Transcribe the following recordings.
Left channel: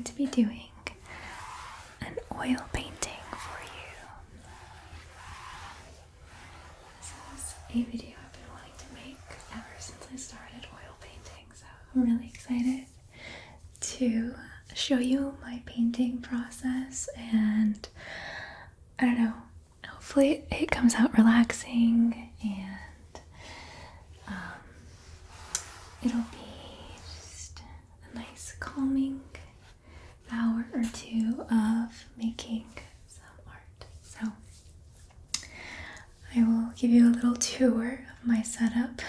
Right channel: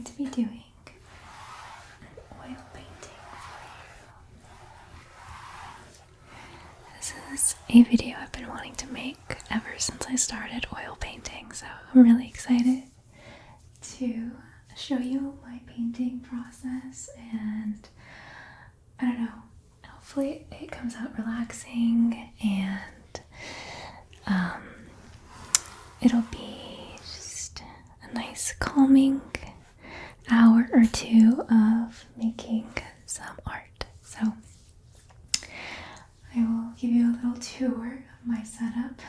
going to be doing an oil painting for you. This is a video I've been wanting to make ever since I started oil painting, so I'm really excited to show you my painting process, and I don't know, hopefully it comes out relaxing, and it'll be just a nice calming hour or two of making some art. So I will give you a little tour of my setup.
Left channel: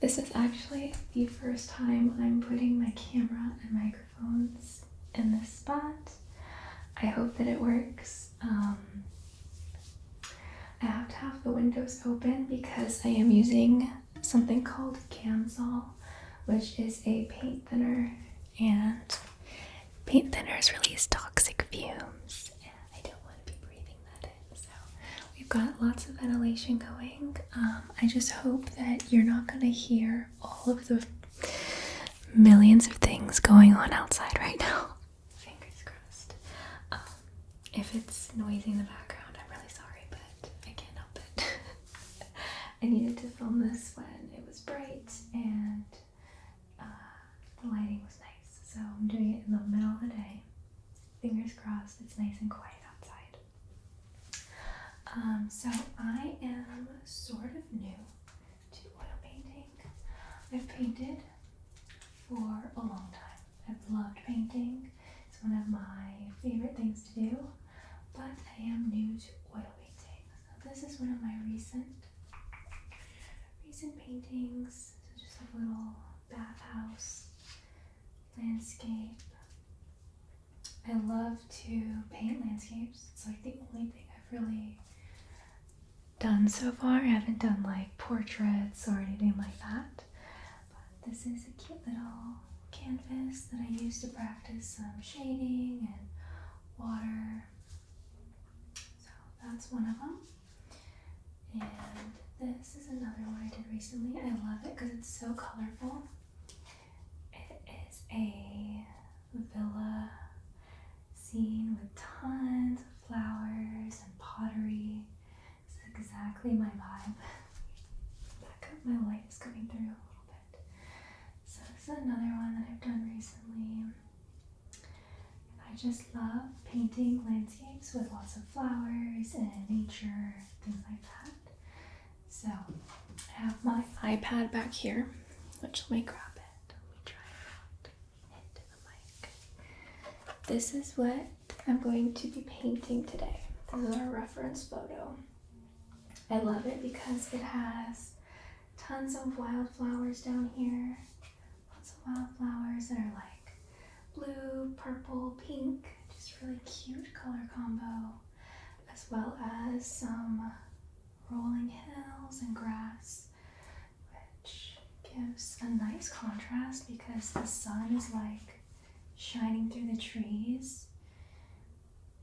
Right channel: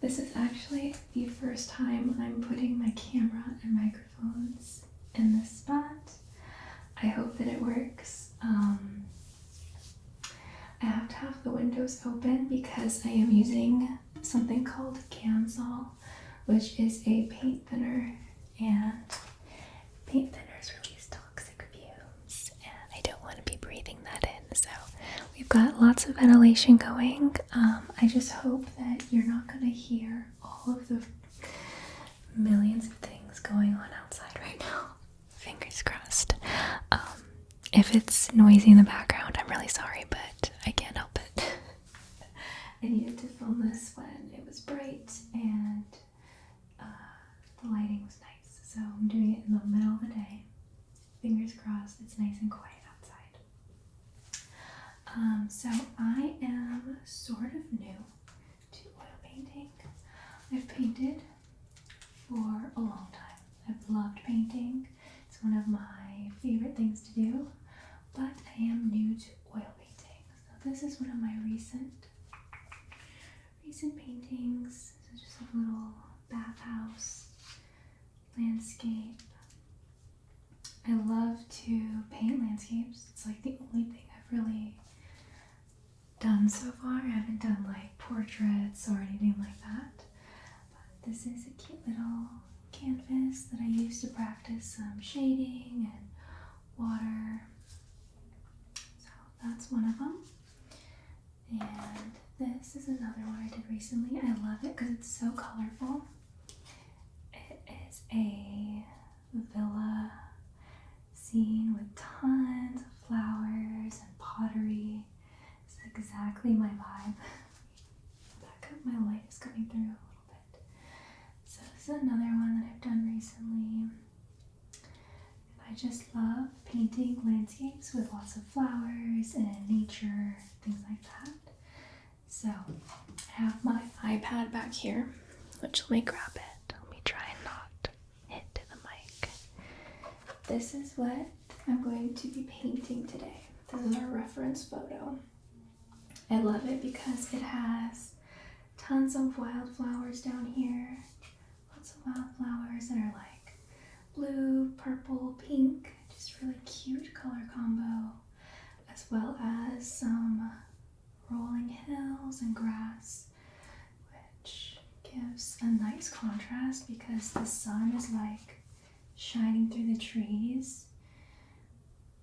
This is actually the first time I'm putting my camera and microphones in this spot. I hope that it works. I have to have the windows open because I am using something called Gamsol, which is a paint thinner, and paint thinners release toxic fumes, and I don't want to be breathing that in, so we've got lots of ventilation going. I just hope that you're not going to hear all of the millions of things going on outside right now. Fingers crossed. If it's noisy in the background, I'm really sorry, but I can't help it. I needed to film this when it was bright and the lighting was nice, so I'm doing it in the middle of the day. Fingers crossed it's nice and quiet outside. So I am sort of new to oil painting. I've painted for a long time. I've loved painting. It's one of my favorite things to do, but I am new to oil painting. So this is one of my recent paintings. So just a little bathhouse landscape. I love to paint landscapes. It's like the only thing I've really done so far. I haven't done like portraits or anything like that. But this is a cute little canvas that I use to practice some shading and water. So that's one of them. And this is another one I did recently. I love it because it's so colorful. It is a villa scene with tons of flowers and pottery. It's exactly my vibe. Back up, my light is coming through a little bit. So this is another one that I've done recently. I just love painting landscapes with lots of flowers and nature, things like that. So I have my iPad back here, which let me grab it. Let me try and not hit the mic. This is what I'm going to be painting today. This is our reference photo. I love it because it has tons of wildflowers down here. Lots of wildflowers that are like blue, purple, pink, just really cute color combo, as well as some rolling hills and grass, which gives a nice contrast because the sun is like shining through the trees,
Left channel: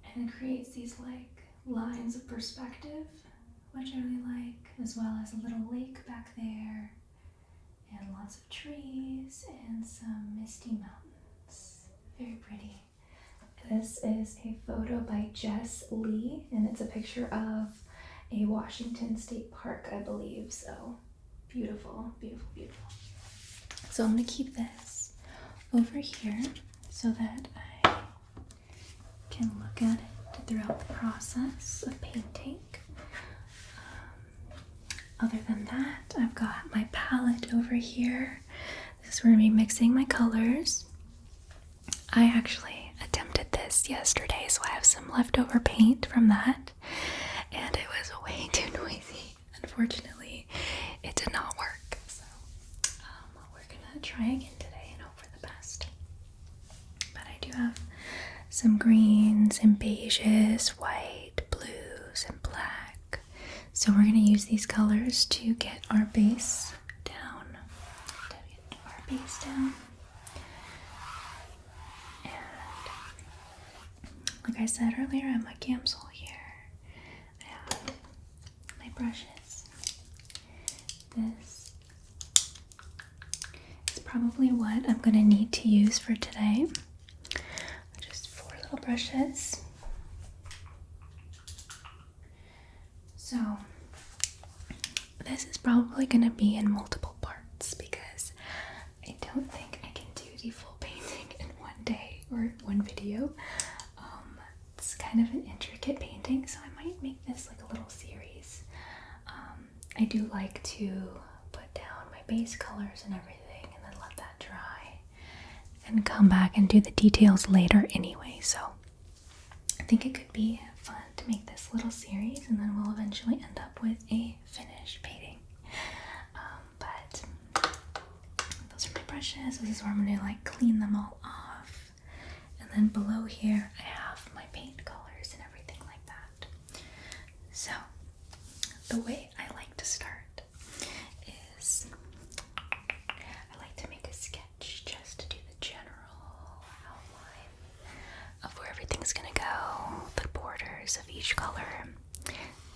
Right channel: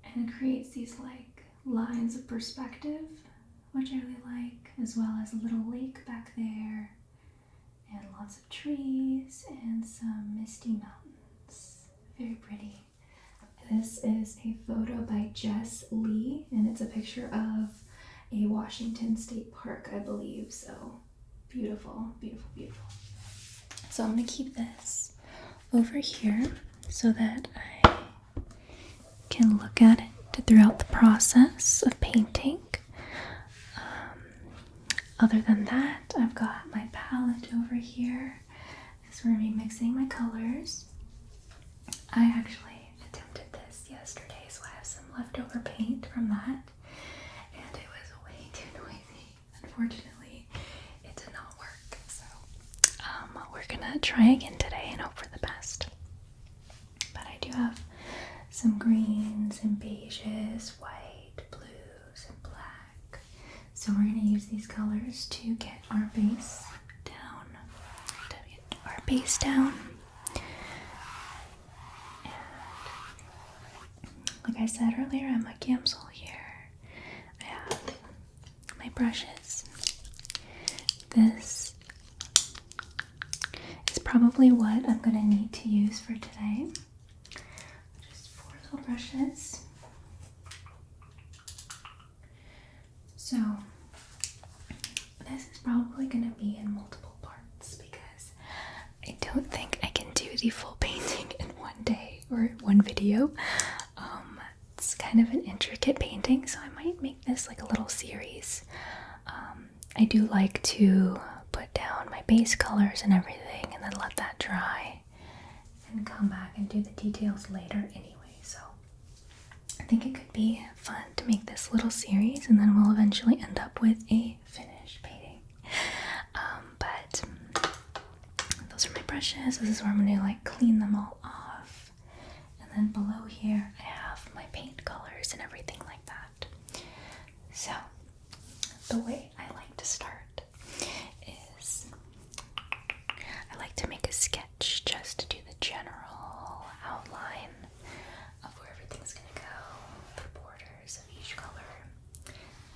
and it creates these like lines of perspective, which I really like, as well as a little lake back there and lots of trees and some misty mountains. Very pretty. This is a photo by Jess Lee, and it's a picture of a Washington State Park, I believe. So beautiful, beautiful, beautiful. So I'm going to keep this over here so that I can look at it throughout the process of painting. Other than that, I've got my palette over here. This is where I'm going to be mixing my colors. I actually attempted this yesterday, so I have some leftover paint from that, and it was way too noisy. Unfortunately, it did not work, so we're gonna try again today and hope for the best. But I do have some greens and beiges, white, blues, and black. So we're gonna use these colors to get our base down. Like I said earlier, I'm a Gamsol here. I have my brushes. This is probably what I'm going to need to use for today. brushes. So this is probably going to be in multiple parts because I don't think I can do the full painting in one day or one video. It's kind of an intricate painting, so I might make this like a little series. I do like to put down my base colors and everything and then let that dry and come back and do the details later anyway, so I think it could be fun to make this little series, and then we'll eventually end up with a finished painting. But those are my brushes. This is where I'm going to like clean them all off, and then below here I have my paint colors and everything like that. So the way I like to start is I like to make a sketch just to do the general outline of where everything's gonna go, the borders of each color,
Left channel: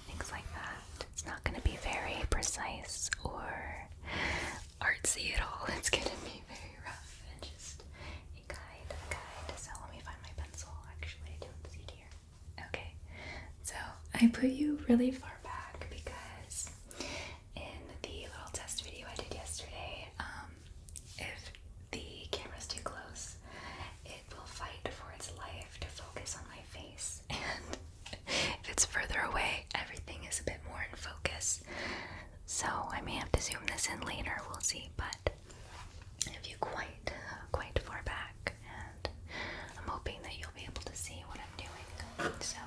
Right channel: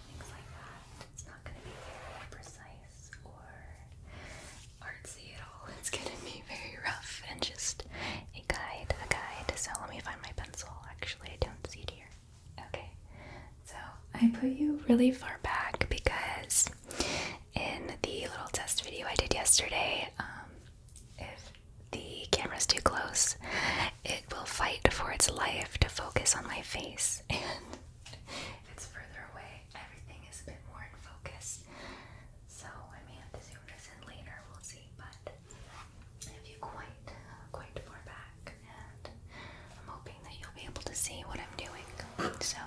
things like that. It's not gonna be very precise or artsy at all. It's gonna be very rough and just a guide. So let me find my pencil. Actually, I don't see it here. Okay, so I put you really far back because in the little test video I did yesterday, if the camera's too close, it will fight for its life to focus on my face, and if it's further away, everything is a bit more in focus. So I may have to zoom this in later, we'll see, but if you quite far back, and I'm hoping that you'll be able to see what I'm doing. So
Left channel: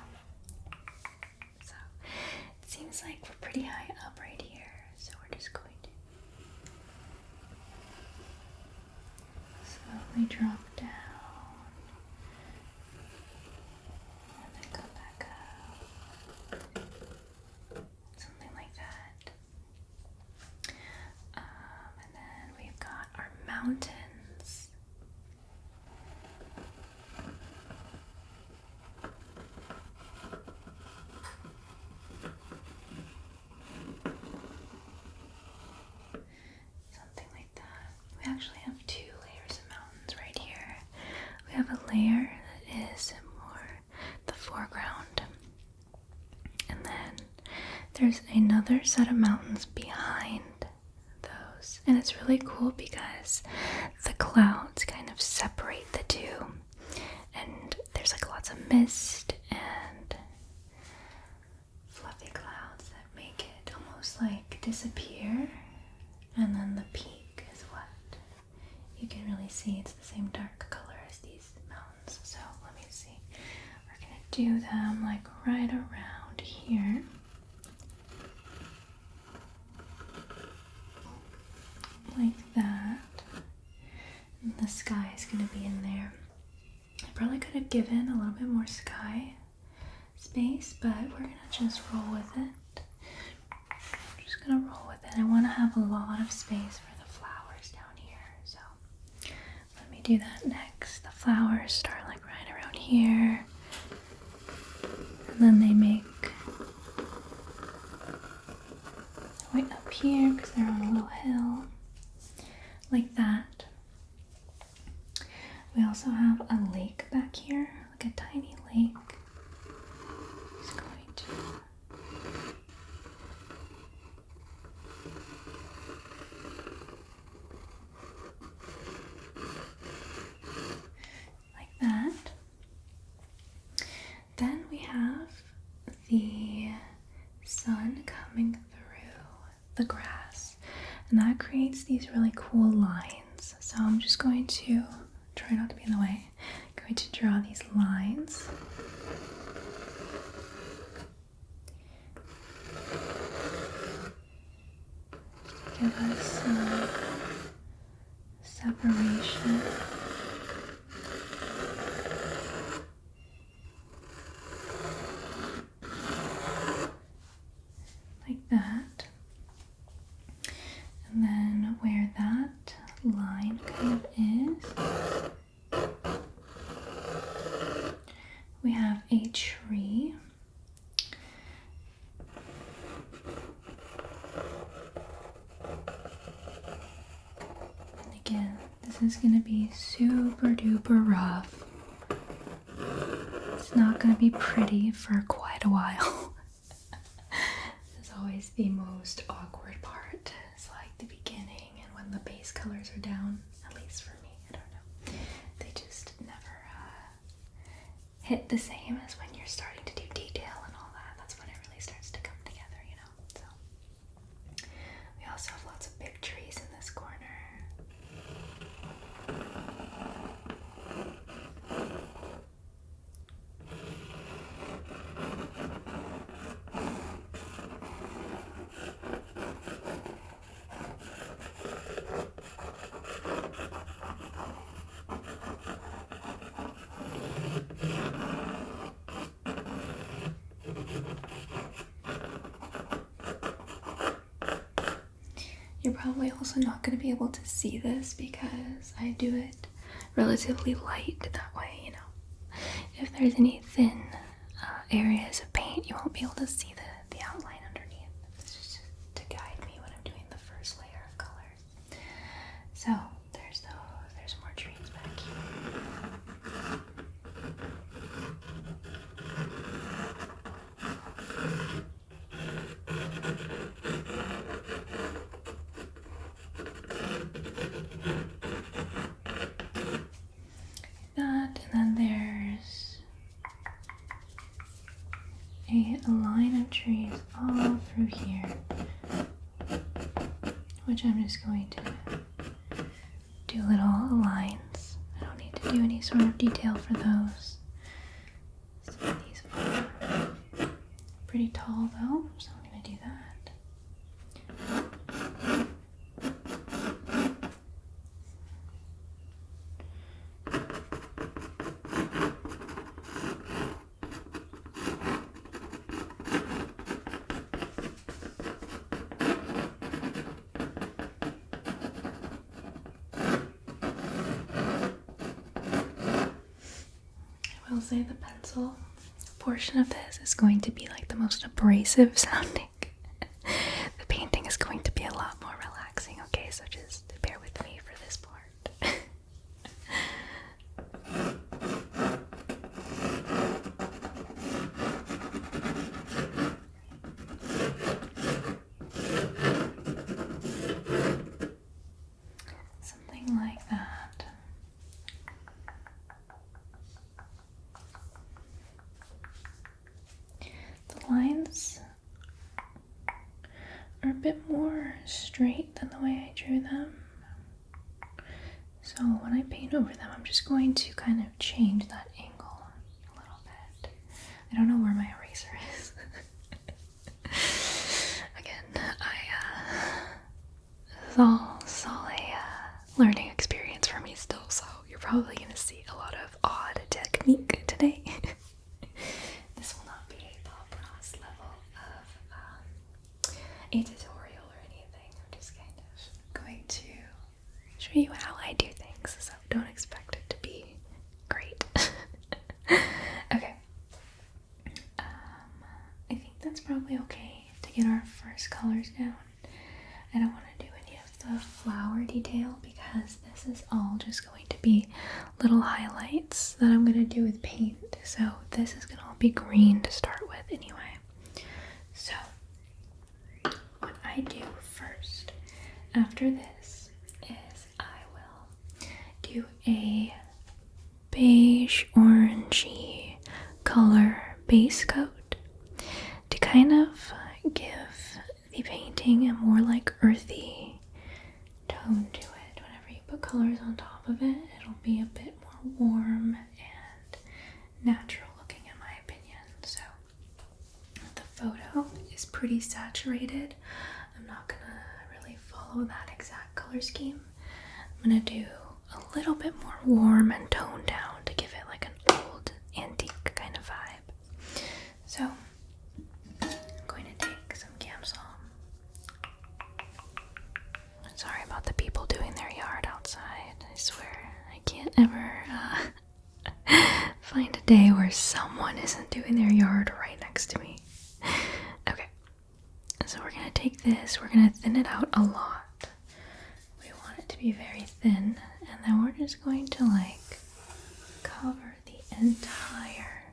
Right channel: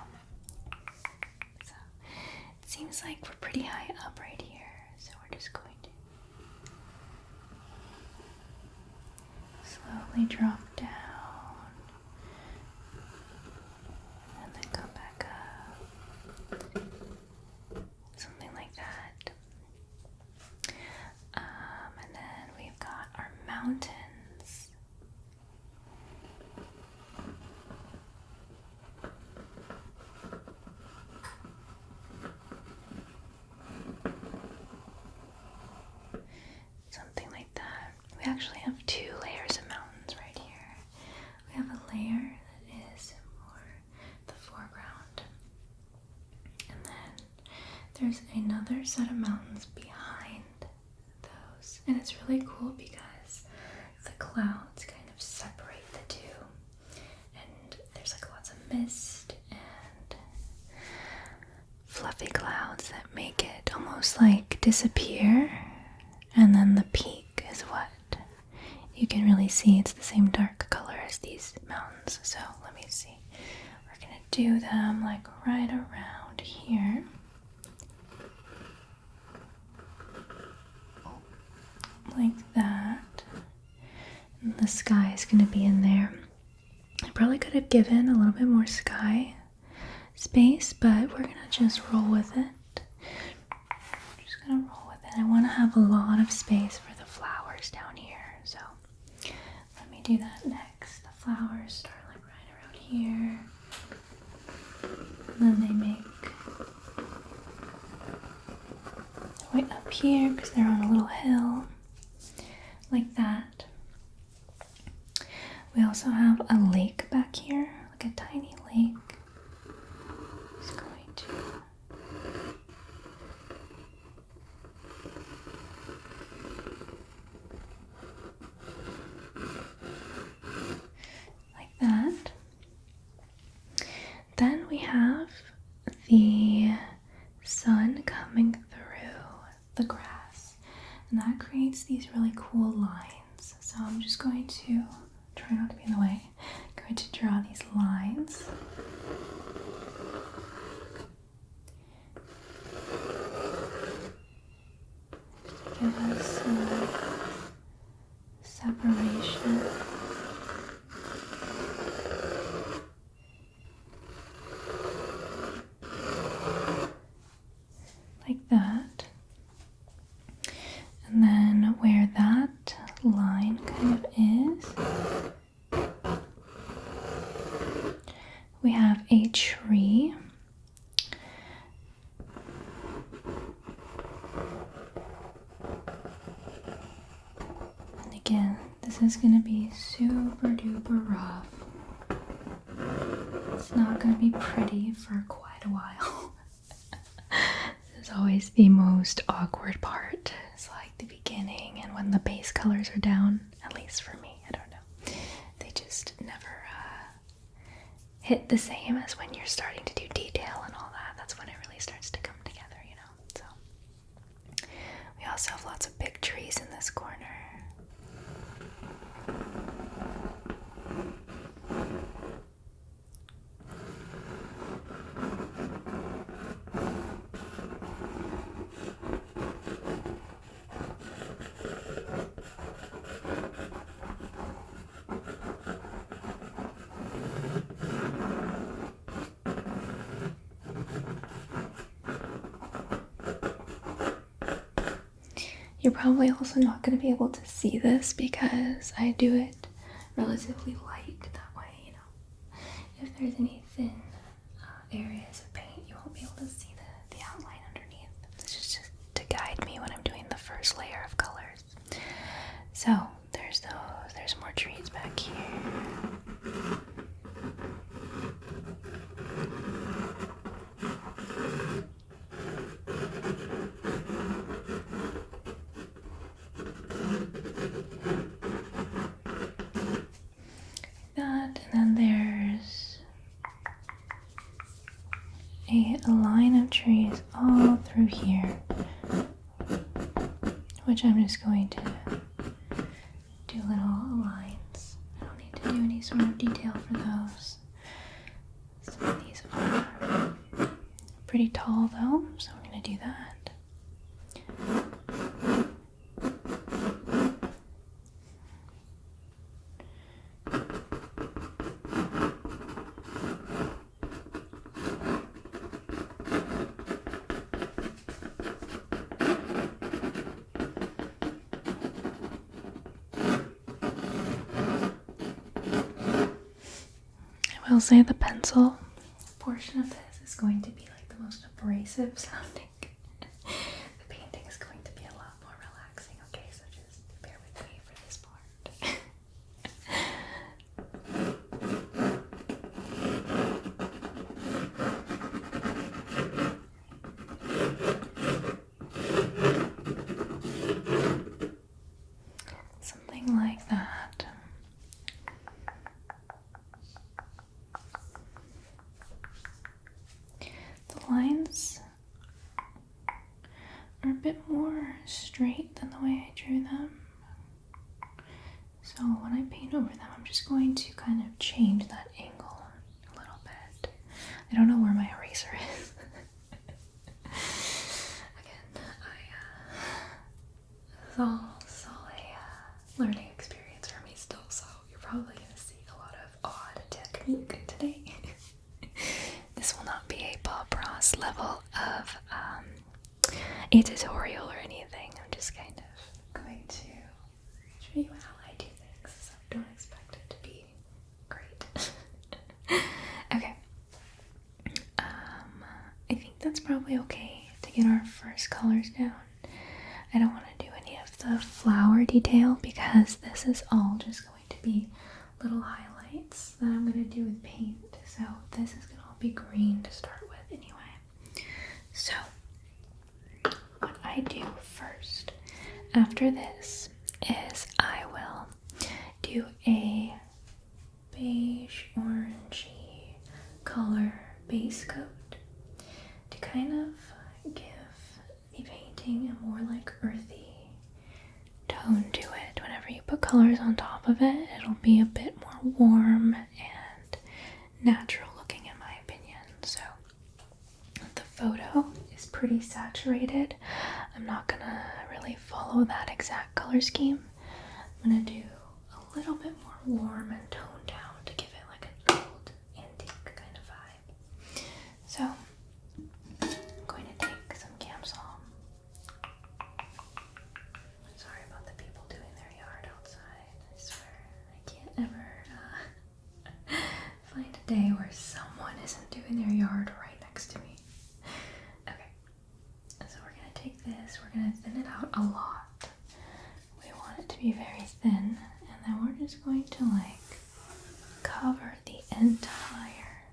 it seems like we're pretty high up right here, so we're just going to slowly drop down and then come back up, something like that. And then we've got our mountains. Something like that. We actually have two layers of mountains right here. We have a layer that is more the foreground, and then there's another set of mountains behind those, and it's really cool because the clouds kind of separate the two, and there's like lots of mist and fluffy clouds that make it almost like disappear, and then the peak is what you can really see. It's the same dark color as these mountains. So let me see, we're gonna do them like right around here, like that, and the sky is gonna be in there. I probably could have given a little bit more sky space, but we're gonna just roll with it. I'm just gonna roll with it. I want to have a lot of space for the flowers down here, so let me do that next. The flowers start like right around here, and then they make way up here because they're on a little hill, like that. We also have a lake back here, like a tiny lake. Just going to like that. Then we have the sun coming through the grass, and that creates these really cool lines. So I'm just going to try not to be in the way. I'm going to draw these lines. Just to give us some separation. Like that. And then where that line kind of is, we have a tree. And again, this is going to be super duper rough. It's not going to be pretty for quite a while. This is always the most awkward part. It's like the beginning and when the base colors are down, at least for me, I don't know. They just never hit the same as when you're starting to do detail and all that. That's when it really starts to come together, you know. So we also have lots of big trees in this corner. You're probably also not going to be able to see this because I do it relatively light that way, you know. If there's any thin areas of paint, you won't be able to see the outline underneath. This is just to guide me when I'm doing the first layer of colors. So, there's those. There's more trees back here. That, and then there's a line of trees all through here, which I'm just going to do little lines. I don't need to do any sort of detail for those. Some of these are pretty tall though, so we're going to do that. I will say the pencil portion of this is going to be like the most abrasive sounding. The painting is going to be a lot more relaxing, okay? So just bear with me for this part. Something like that. Lines are a bit more straight than the way I drew them. So when I paint over them, I'm just going to kind of change that angle a little bit. I don't know where my eraser is. Again, this is all a learning experience for me still, so you're probably going to see a lot of odd technique today. This will not be a Bob Ross level of a tutorial or anything. I'm just kind of going to show you how I do things, so don't expect it to be great. Okay. I think that's probably okay to get our first colors down. I don't want to do any of the flower detail because this is all just going to be little highlights that I'm going to do with paint. So this is going to all be green to start with anyway. So what I do first after this is I will do a beige orangey color base coat to kind of give the painting a more like earthy tone to it. Whenever you put colors on top of it, it'll be a bit more warm and natural looking in my opinion. So the photo is pretty saturated. I'm not gonna really follow that exact color scheme. I'm gonna do a little bit more warm and toned down to give it like an old antique kind of vibe. So I'm going to take some Gamsol. Sorry about the people doing their yard outside. I swear I can't ever find a day where someone isn't doing their yard right next to me. Okay, so we're gonna take this, we're gonna thin it out a lot. We want it to be very thin, and then we're just going to like cover the entire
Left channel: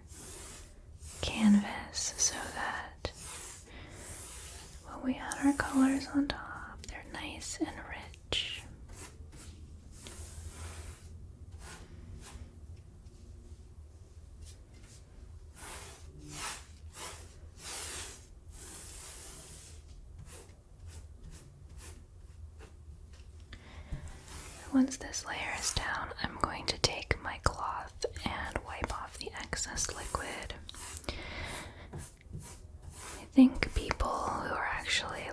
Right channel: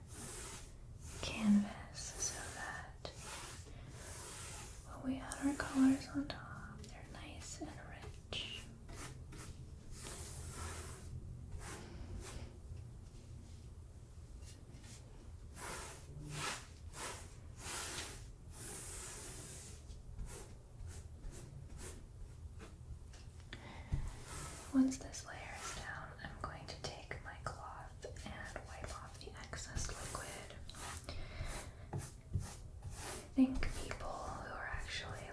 colors on top. They're nice and rich. Once this layer is down, I'm going to take my cloth and wipe off the excess liquid. I think people who are actually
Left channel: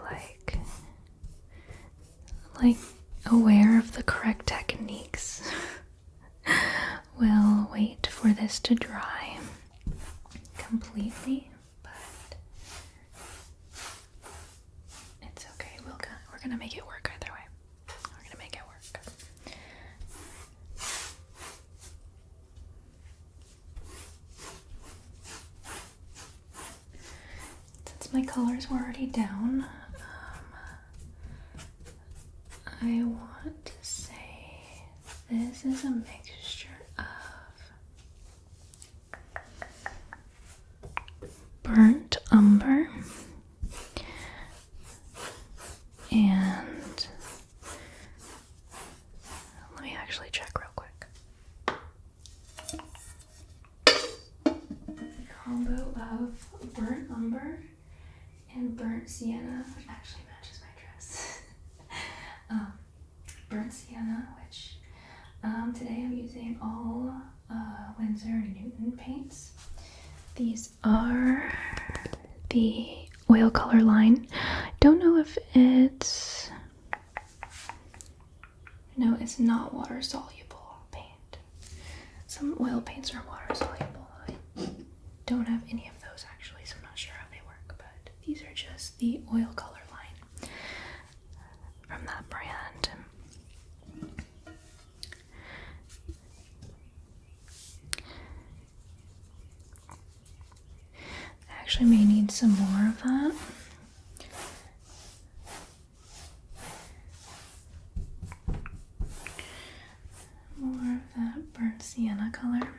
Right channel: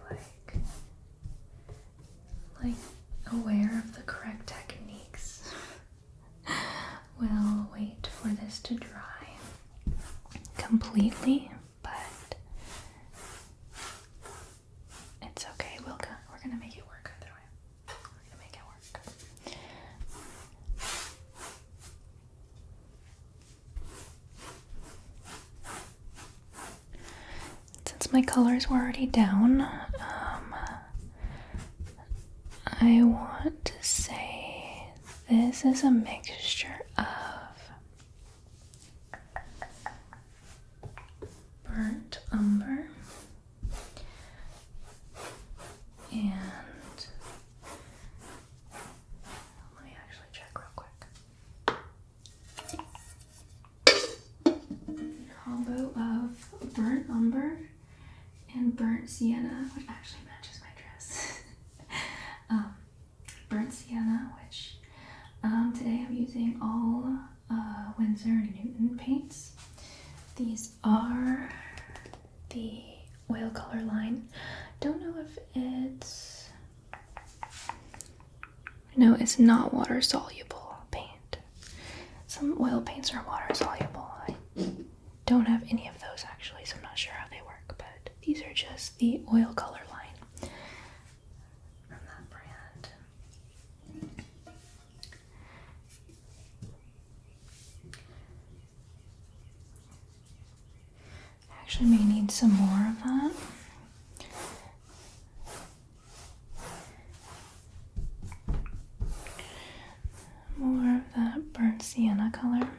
like aware of the correct techniques will wait for this to dry completely, but it's okay. We're gonna make it work either way. We're gonna make it work. Since my colors were already down, I want to say this is a mixture of burnt umber and let me actually check real quick. Combo of burnt umber and burnt sienna, which actually matches my dress. Burnt sienna, which today I'm using all Winsor & Newton paints. These are the oil color line. Don't know if it's... No, it's not water soluble paint. Some oil paints are water soluble. I don't have any of those actually, so I'm not sure how they work, but these are just the oil color line from that brand. I actually may need some more of that. More of that burnt sienna color.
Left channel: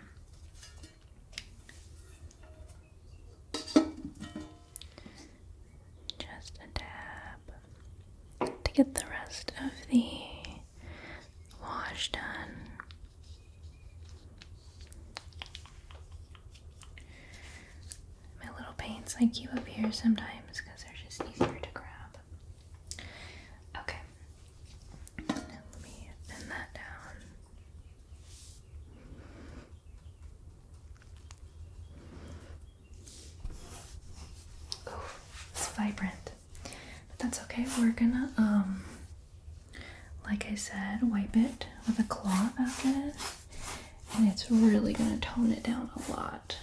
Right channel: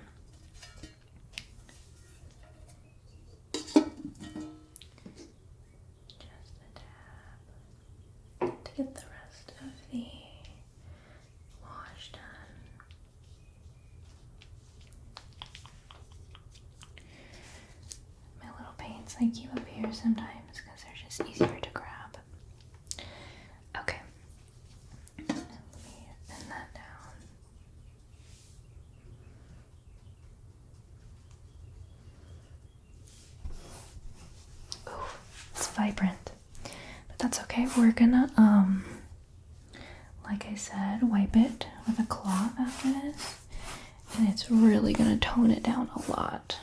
Just a dab to get the rest of the wash done. My little paints I keep up here sometimes because they're just easier to grab. Okay, let me bend that down. Ooh, it's vibrant, but that's okay. We're gonna like I said, wipe it with a cloth after this, and it's really gonna tone it down a lot.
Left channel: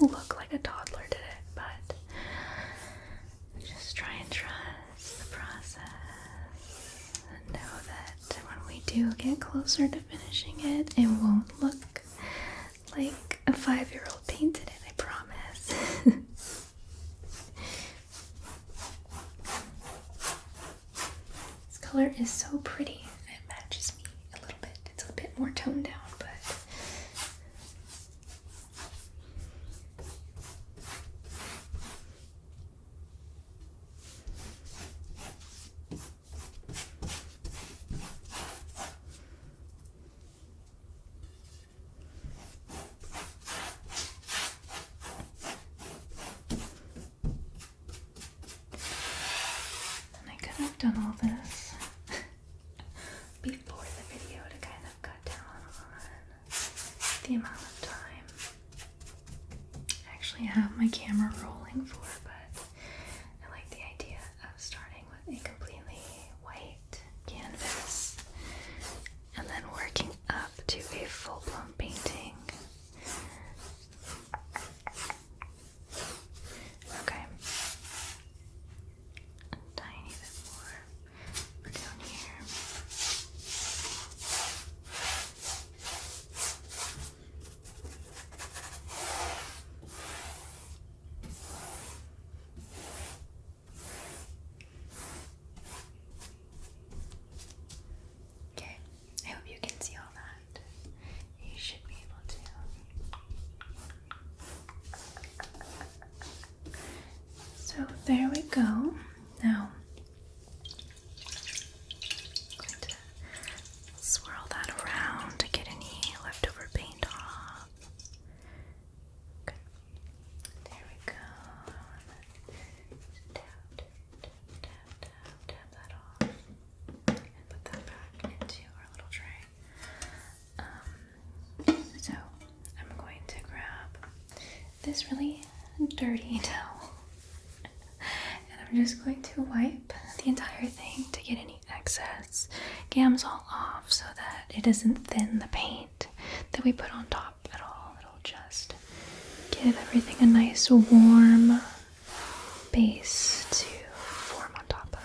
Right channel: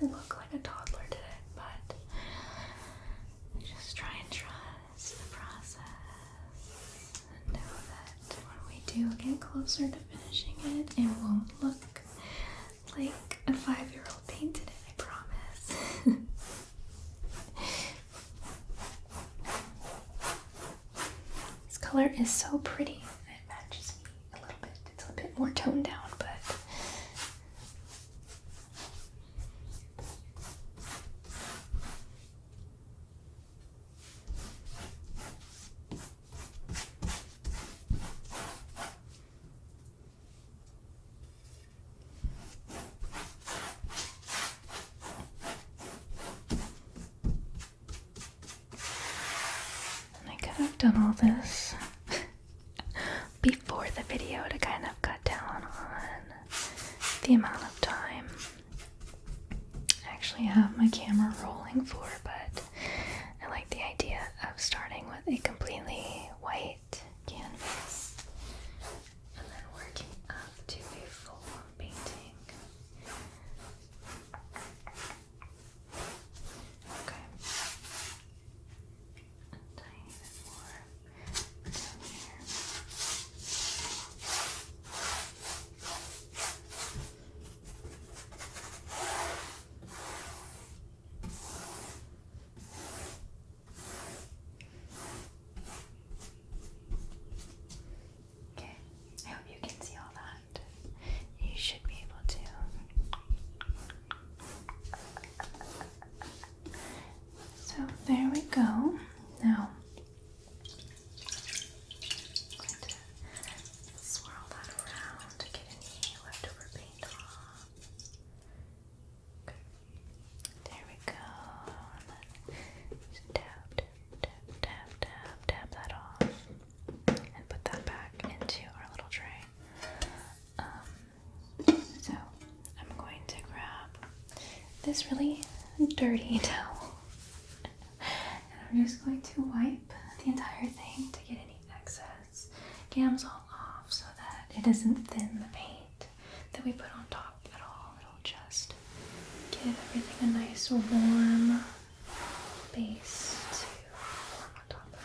Look like a toddler did it, but just try and trust the process and know that when we do get closer to finishing it, it won't look like a 5-year-old painted it, I promise. This color is so pretty. It matches me a little bit. It's a bit more toned down, but I've done all this before the video to kind of cut down on the amount of time I actually have my camera rolling for, but I like the idea of starting with a completely white canvas and then working up to a full-blown painting. Okay. A tiny bit So there we go. Now, I'm going to swirl that around to get any leftover paint off. Okay. There we go. Just tap that off. And put that back into our little tray. So I'm going to grab this really dirty towel. I'm just going to wipe the entire thing to get any excess Gamsol off so that it doesn't thin the paint that we put on top at all. It'll just give everything a nice warm base to form on top of.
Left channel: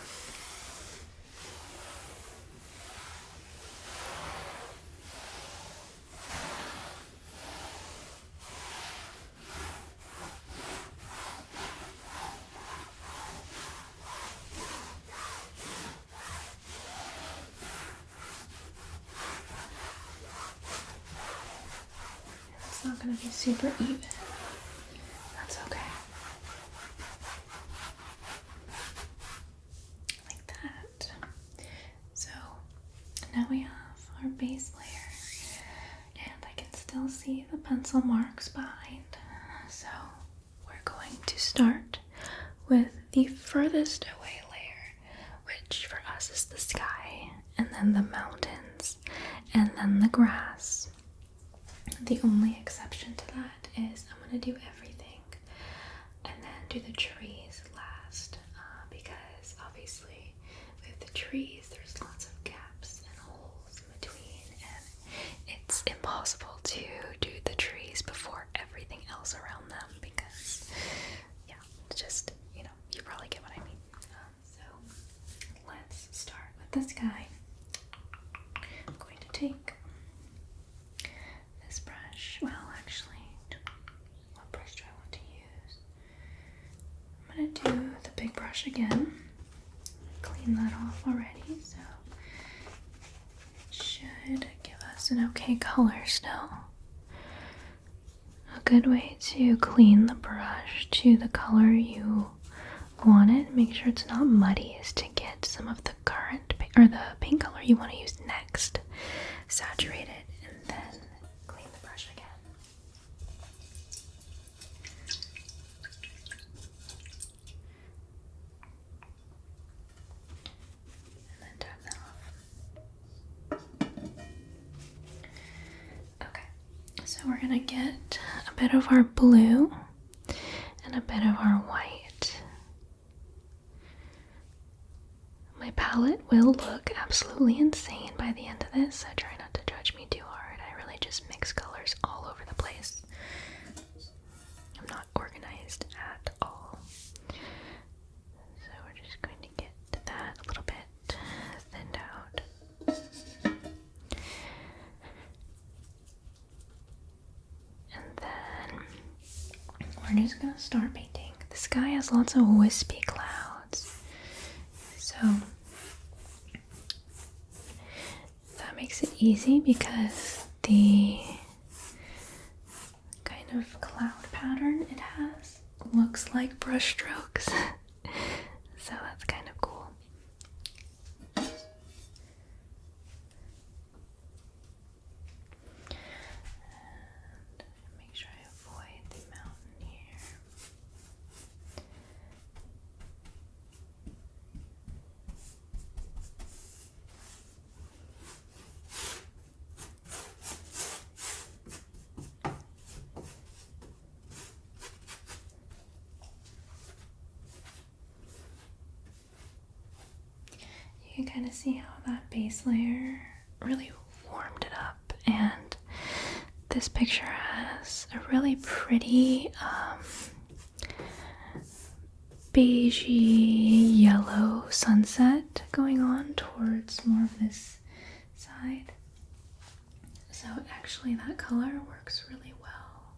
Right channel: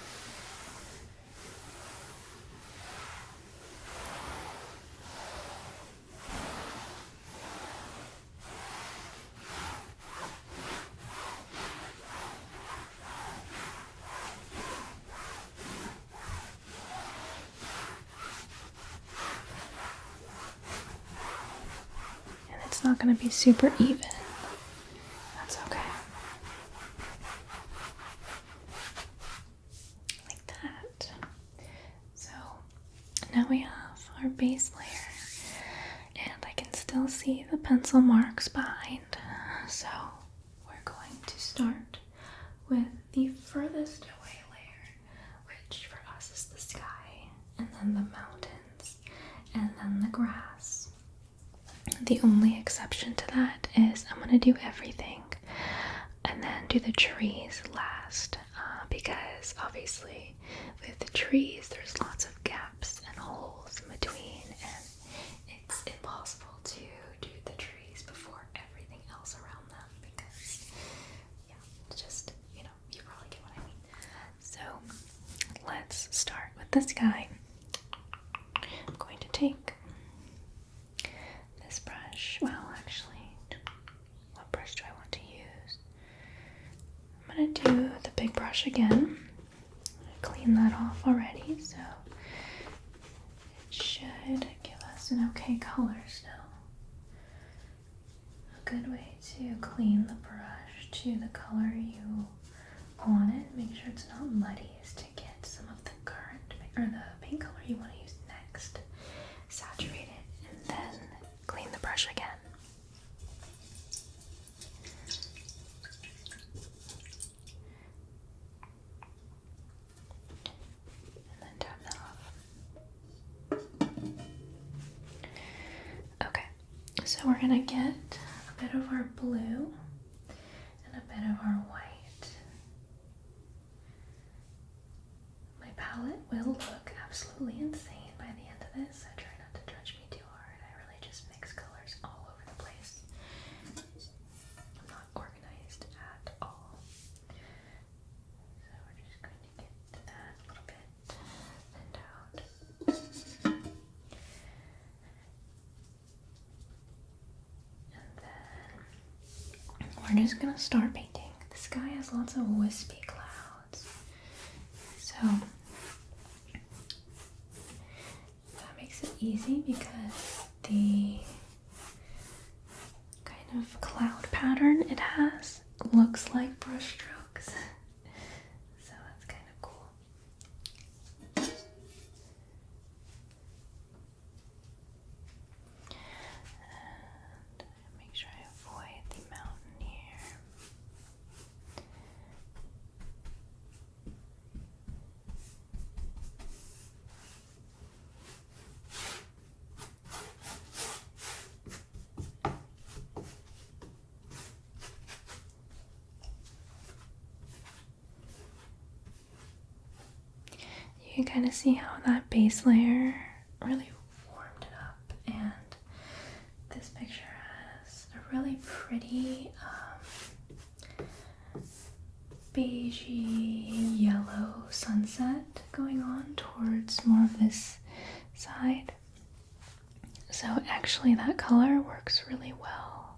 It's not going to be super even. That's okay. Like that. So now we have our base layer, and I can still see the pencil marks behind. So we're going to start with the furthest away layer, which for us is the sky, and then the mountains, and then the grass. The only exception to that is I'm going to do everything and then do the trees last, because obviously with the trees there's lots of gaps and holes in between, and it's impossible to do the trees before everything else around them because, yeah, it's just, you probably get what I mean. So let's start with the sky. I'm going to take this brush. Well, actually, what brush do I want to use? I'm going to do the big brush again. I cleaned that off already, so it should give us an okay color still. A good way to clean the brush to the color you want it, make sure it's not muddy, is to get some of the current or the paint color you want to use next, saturate it, and then clean the brush again. And then tap that off. Okay, so we're gonna get a bit of our blue and a bit of our white. My palette will look absolutely insane by the end of this, so try not to judge me too hard. I really just mix colors all over the place. I'm not organized at all. So we're just going to get that a little bit thinned out. And then we're just going to start painting. The sky has lots of wispy clouds. So that makes it easy because the kind of cloud pattern it has looks like brush strokes. So that's kind of cool. And make sure I avoid the mountain here. You can kind of see how that base layer really warmed it up, and this picture has a really pretty beigey yellow sunset going on towards more of this side. So actually that color works really well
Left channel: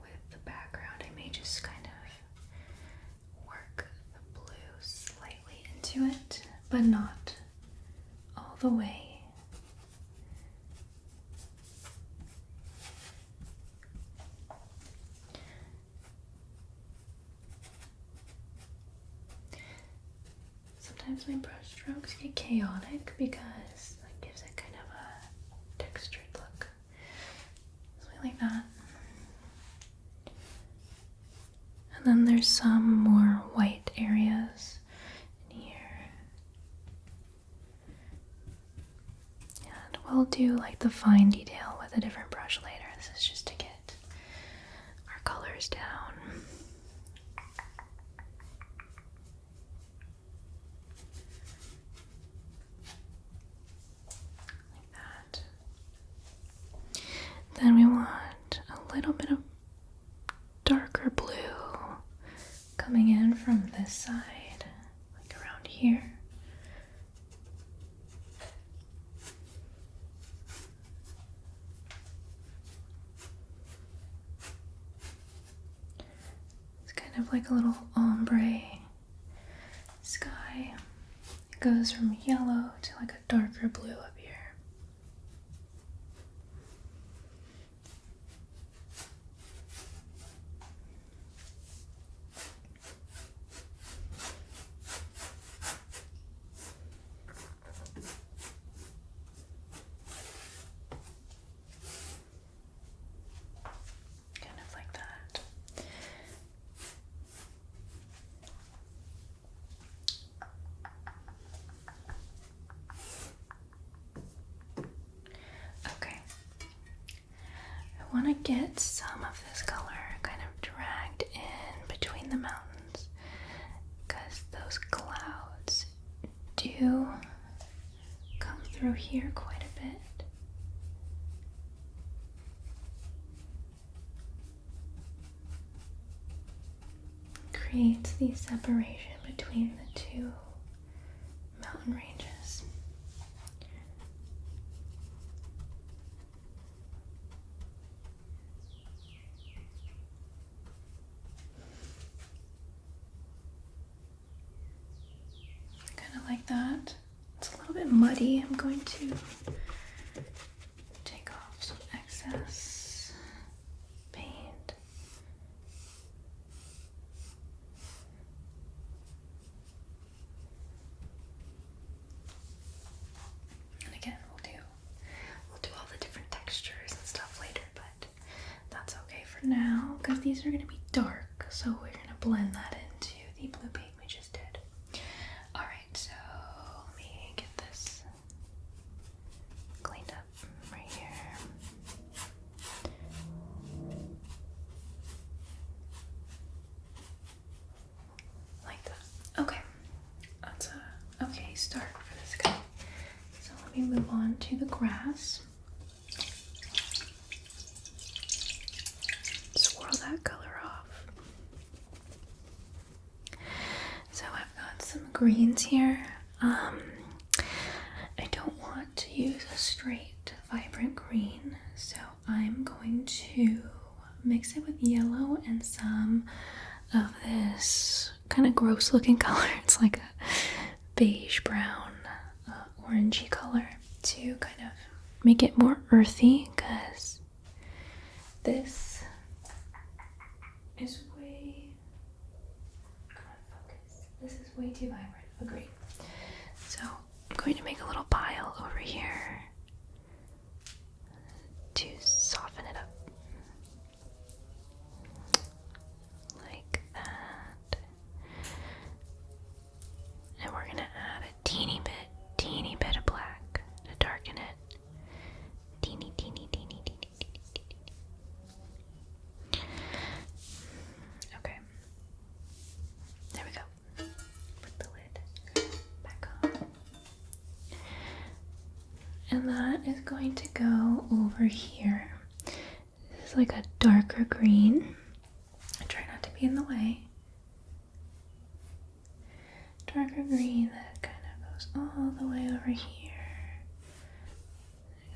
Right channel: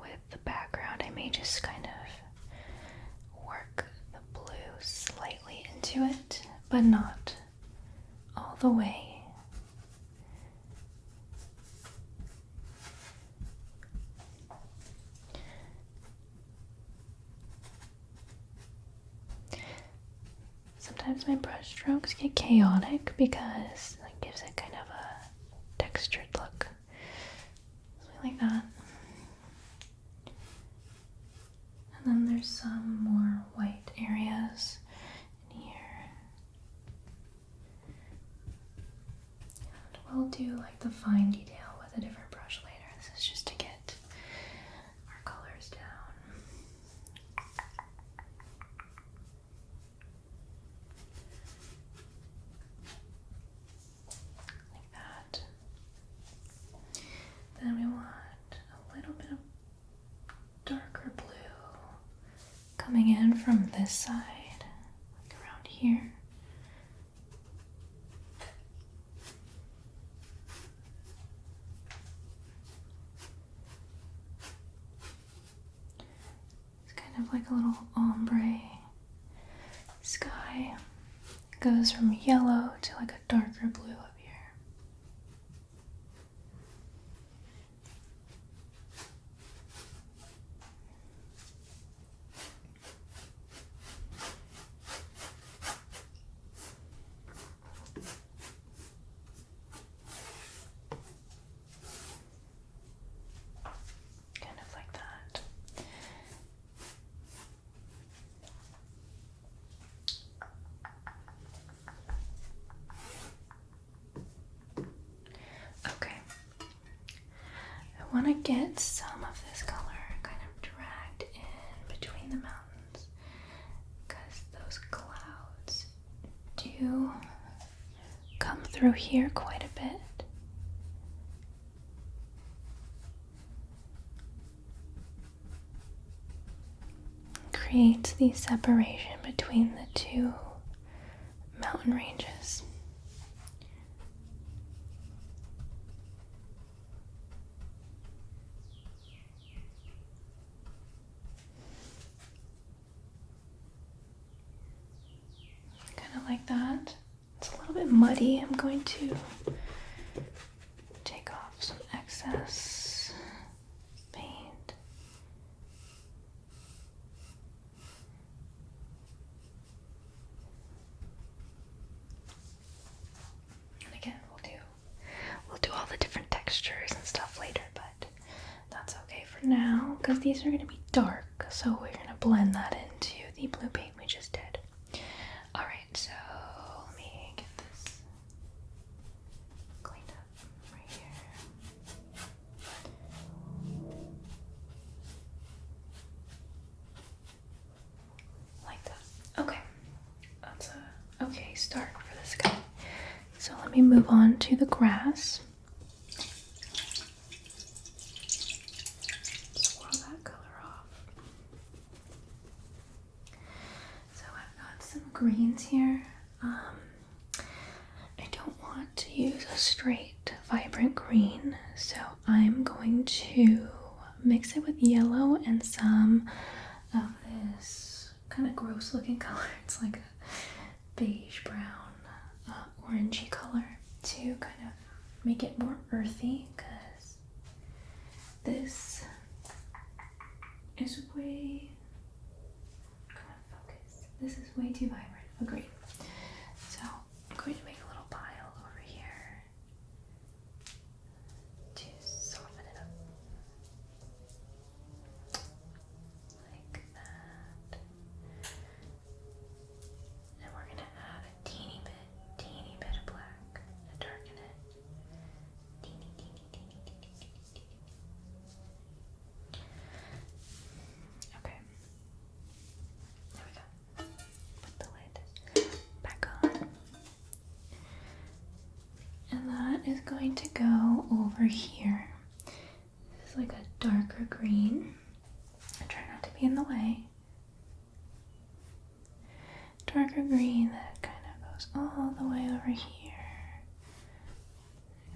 with the background. I may just kind of work the blue slightly into it, but not all the way. sometimes my brush strokes get chaotic because it gives it kind of a textured look. Something like that. And then there's some more white areas in here. And we'll do like the fine detail with a different brush later. This is just to get our colors down. Then we want a little bit of darker blue coming in from this side, like around here. It's kind of like a little ombre sky. It goes from yellow to like a darker blue up here. I want to get some of this color kind of dragged in between the mountains because those clouds do come through here quite a bit. Creates the separation between the two mountain ranges. Like that. It's a little bit muddy. I'm going to take off some excess paint. And again, we'll do all the different textures and stuff later, but that's okay for now because these are going to be dark, so we're going to blend that into the blue paint we just did. So let me get this cleaned up right here. Like that. Okay. That's a okay start for this guy. So let me move on to the grass. Swirl that color off. So I've got some greens here. I don't want to use a straight vibrant green, so I'm going to mix it with yellow and some of this kind of gross looking color. It's like a beige brown orangey color to kind of make it more earthy because this is way This is way too vibrant. Agreed. So I'm going to make a little pile over here to soften it up. Like that. And we're going to add a teeny bit of black to darken it. Teeny. Okay. There we go. Put the lid back on. And that is going to go over here. This is like a darker green. I try not to be in the way. Darker green that kind of goes all the way over here.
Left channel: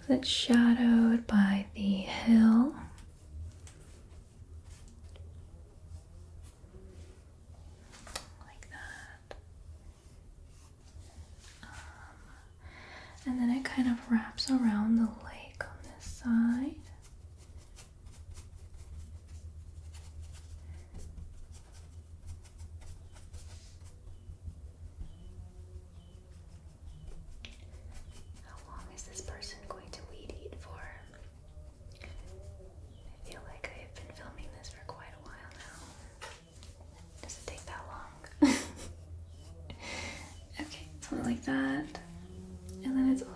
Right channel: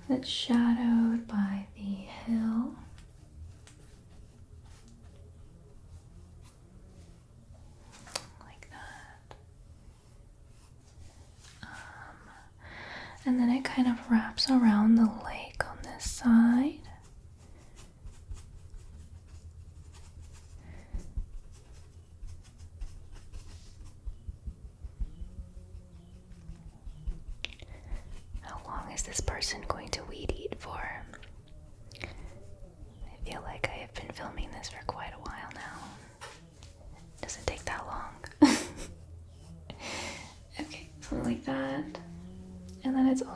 It's shadowed by the hill. Like that. And then it kind of wraps around the lake on this side.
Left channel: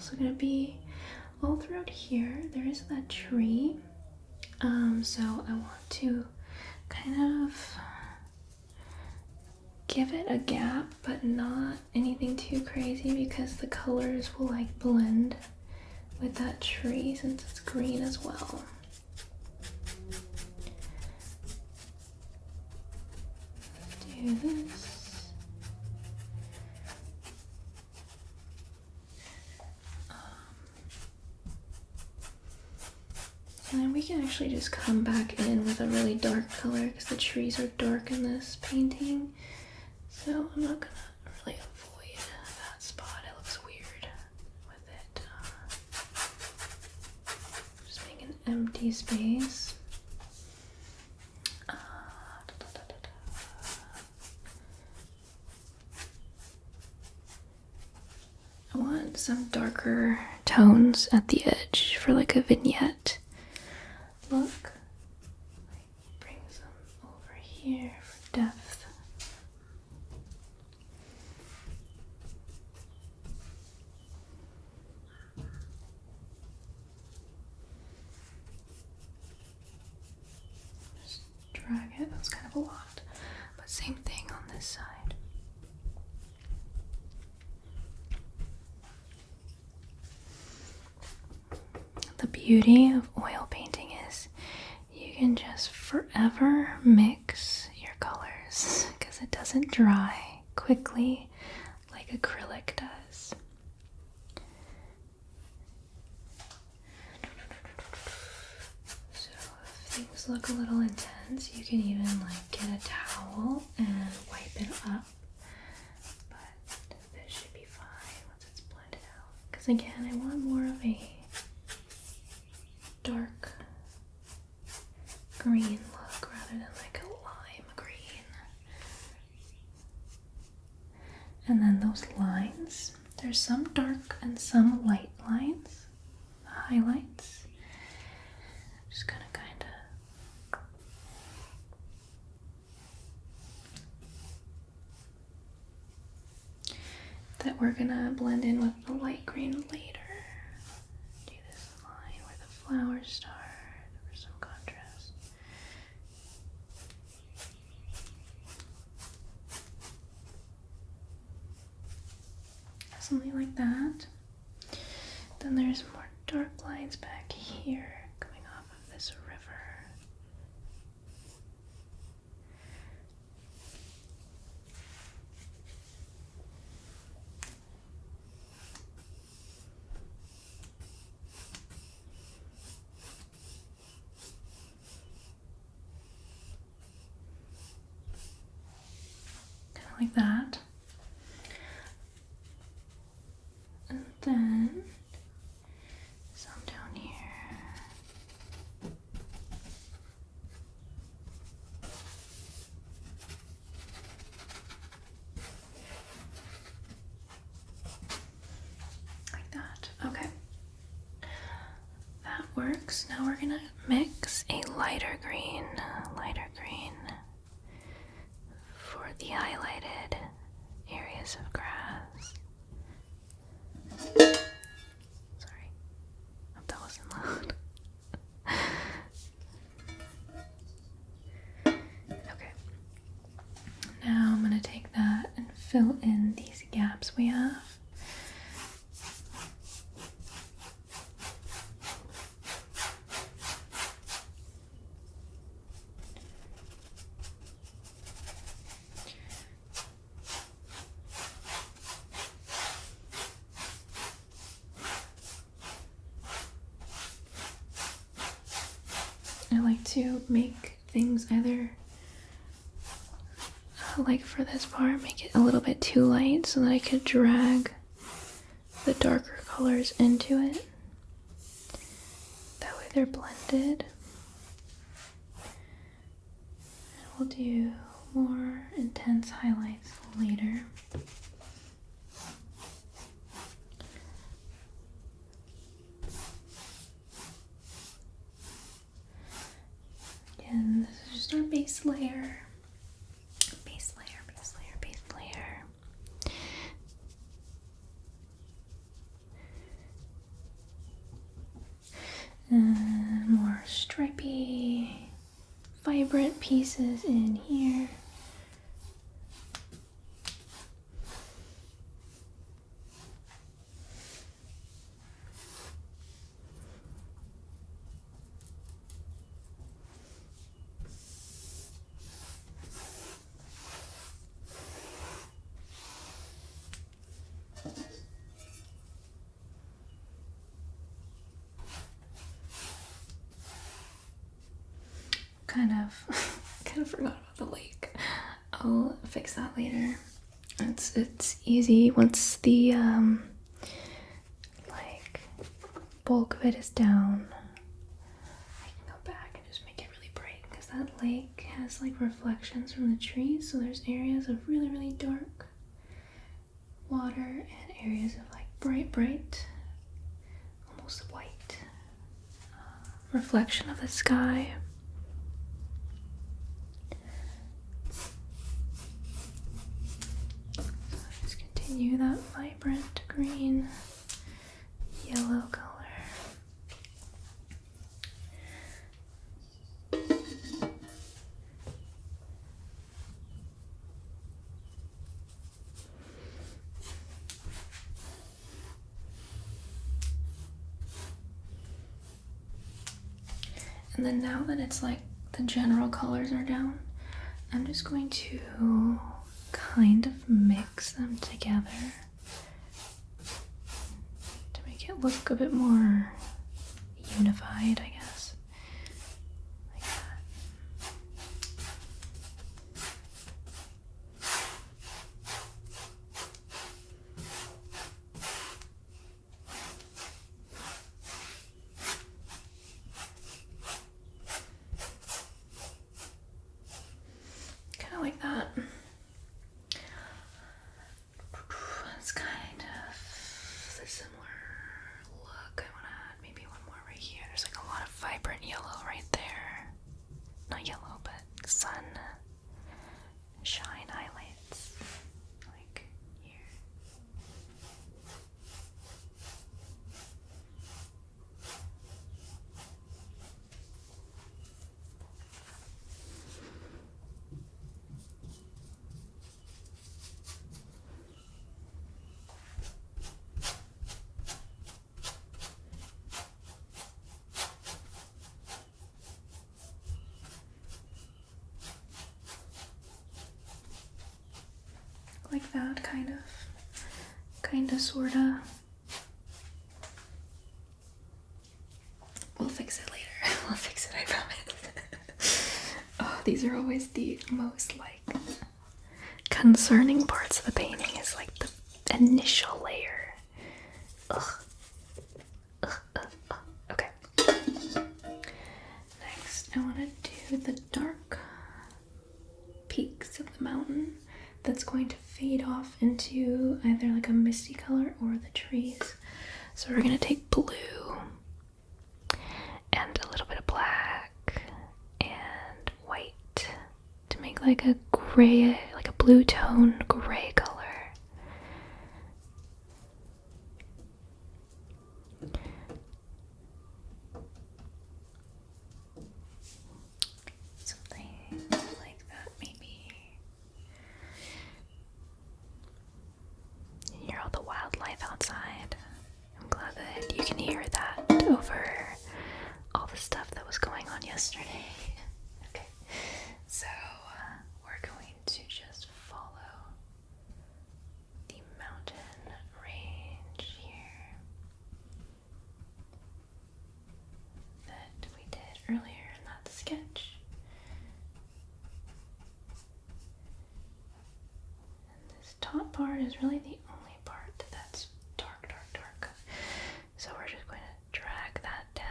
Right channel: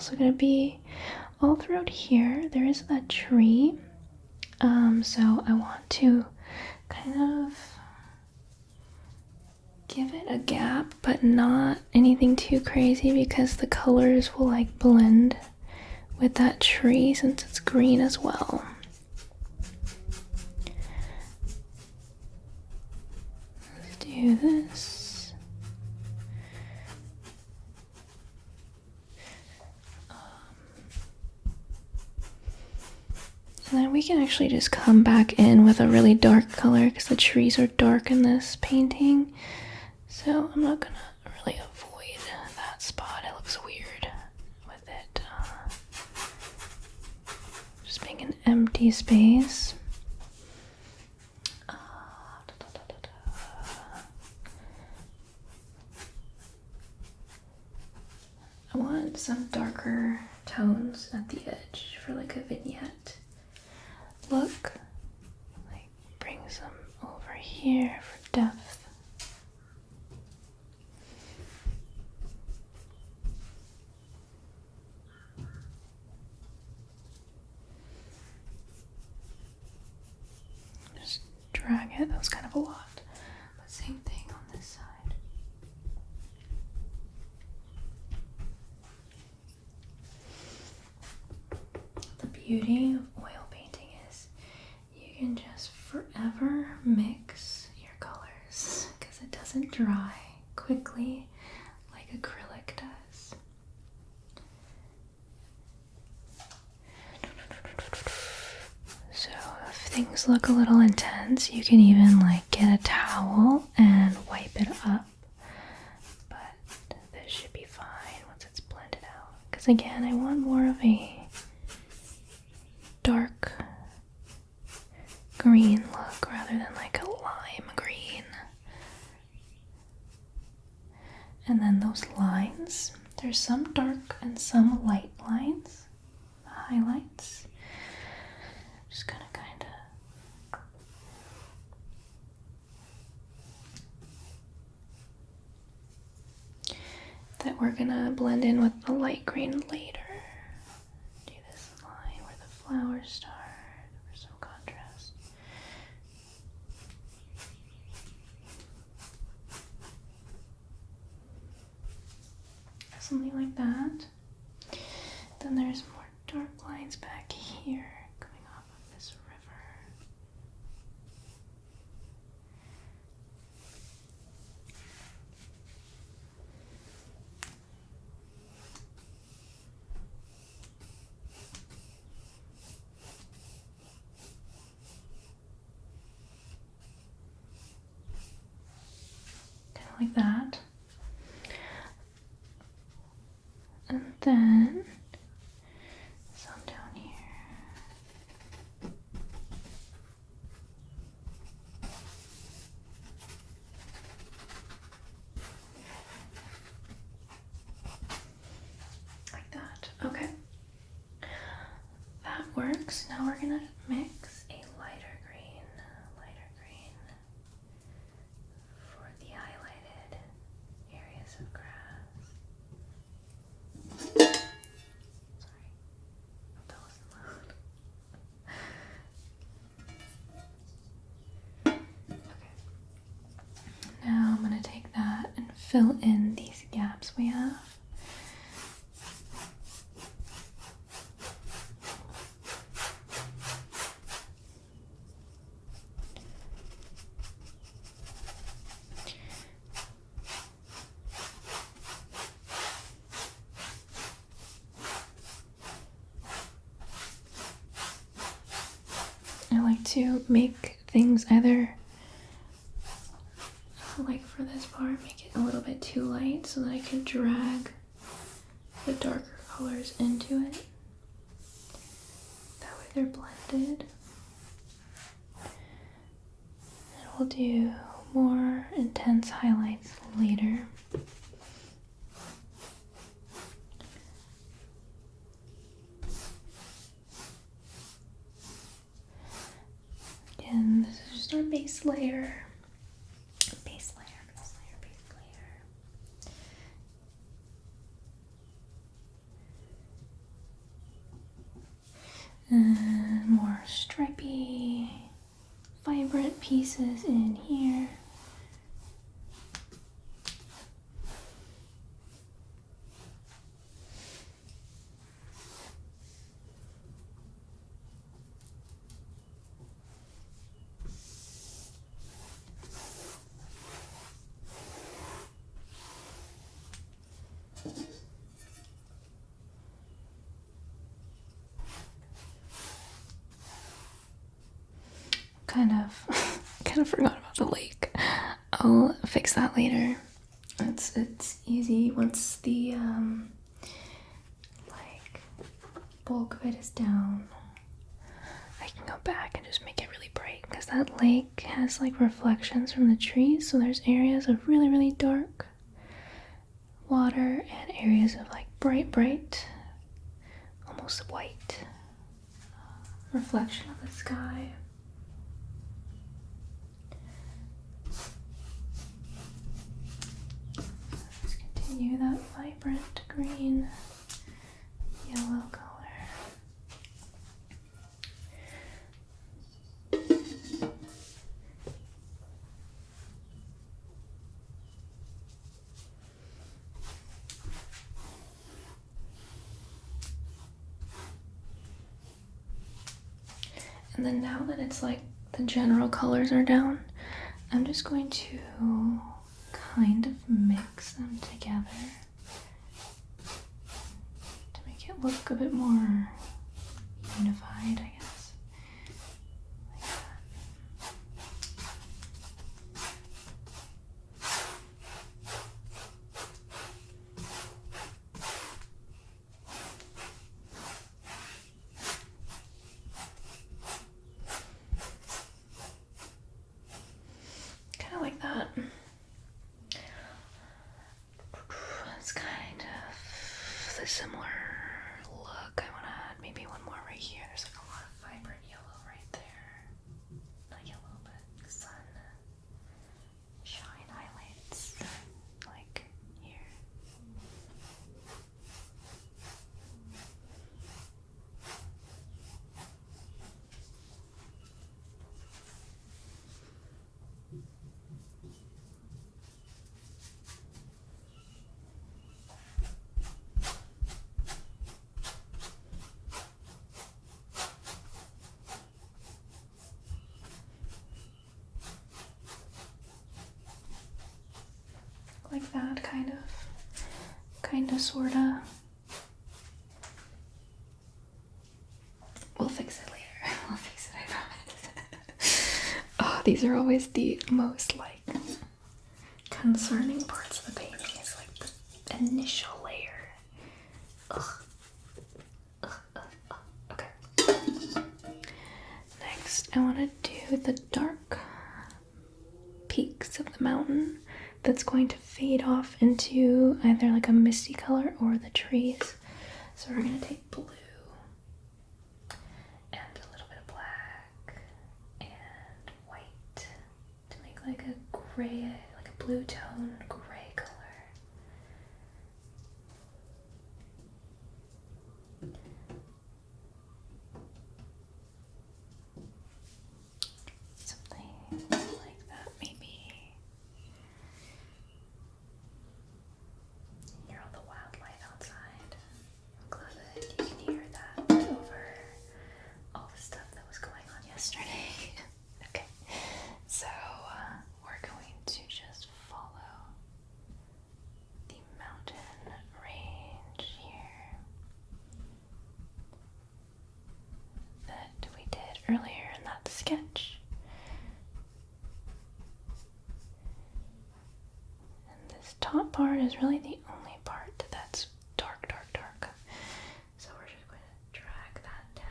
also going to be all throughout here. There is that tree. So I want to kind of give it a gap, but not anything too crazy because the colors will like blend with that tree since it's green as well. Let's do this. And then we can actually just come back in with a really dark color because the trees are dark in this painting. So I'm not gonna really avoid that spot. It looks weird with it just being an empty space. I want some darker tones at the edge for like a vignette look. Like bring some over here for depth. Just drag it. That was kind of a lot, but same thing on this side. The beauty of oil painting is you can just forever mix your colors because it doesn't dry quickly like acrylic does. So if things look a little intense, you can even like get a towel and wipe it up. But this should be fine once it's blended out. Because again, I want more of a dark green look rather than like a lime green. And then those lines, there's some dark and some light lines, the highlights. Just gonna kind of that we're gonna blend in with the light green later. Do this line where the flowers start for some contrast. Something like that. Then there's more dark lines back here coming off of this river. Kind of like that. And then some down here. Like that. Okay. That works. Now we're gonna mix a lighter green for the highlighted areas of grass. Sorry. Hope that wasn't loud. Okay. Now I'm gonna take that and fill in these gaps we have. I like to make things either, like for this part, make it a little bit too light so that I could drag the darker colors into it. That way they're blended. And we'll do more intense highlights later. Again, this is just our base layer. Base layer. More stripy, vibrant pieces in here. Kind of forgot about the lake. I'll fix that later. It's easy once the like bulk of it is down. I can go back and just make it really bright because that lake has like reflections from the trees, so there's areas of really dark water and areas of like bright, almost white reflection of the sky. Let's continue that vibrant green, yellow color. And then now that it's like the general colors are down, I'm just going to kind of mix them together to make it look a bit more unified, I guess. Like that. Kind of like that. It's kind of the similar look. I want to add maybe one more right here. There's like a lot of vibrant yellow right there. Not yellow, but sun shine highlights. Like here. Like that, kind of, sorta. We'll fix it later. We'll fix it, I promise. Oh, these are always the most like concerning parts of the painting, is like the initial layer. Okay. Next, I want to do the dark peaks of the mountain. That's going to fade off into either like a misty color or the trees. So we're going to take blue and a little bit of black and white to make like a gray, like a blue tone gray color. Something like that maybe. You hear all the wildlife outside. I'm glad that you can hear that over all the stuff that was going on yesterday. Okay, so we're going to just follow the mountain range here that we did earlier in that sketch. And this top part is really the only part that's dark. So we're just going to drag that down.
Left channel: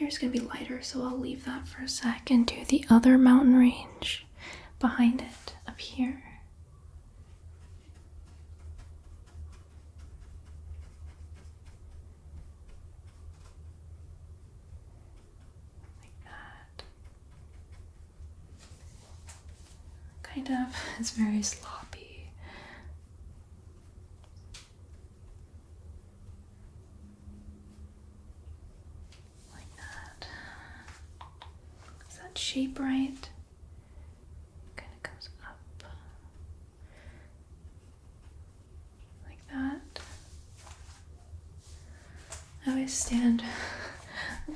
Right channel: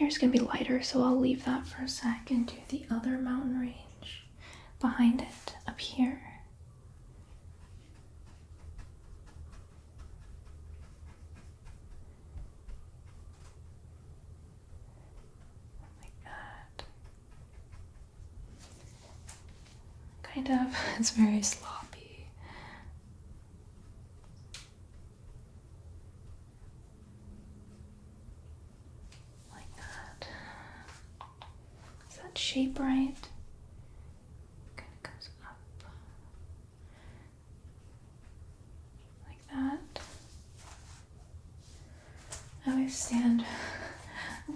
here's gonna be lighter, so I'll leave that for a sec and do the other mountain range behind it up here. Like that. Kind of, it's very sloppy. Like that. Is that shape right? Kind of goes up. Like that. I always stand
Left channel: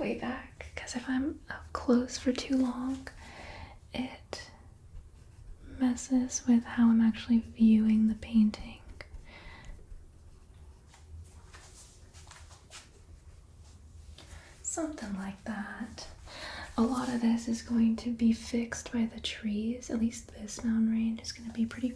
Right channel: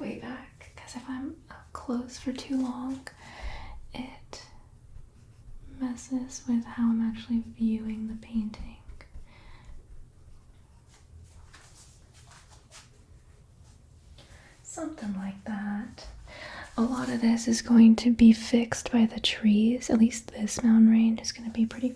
way back because if I'm up close for too long, it messes with how I'm actually viewing the painting. Something like that. A lot of this is going to be fixed by the trees. At least this mountain range is going to be pretty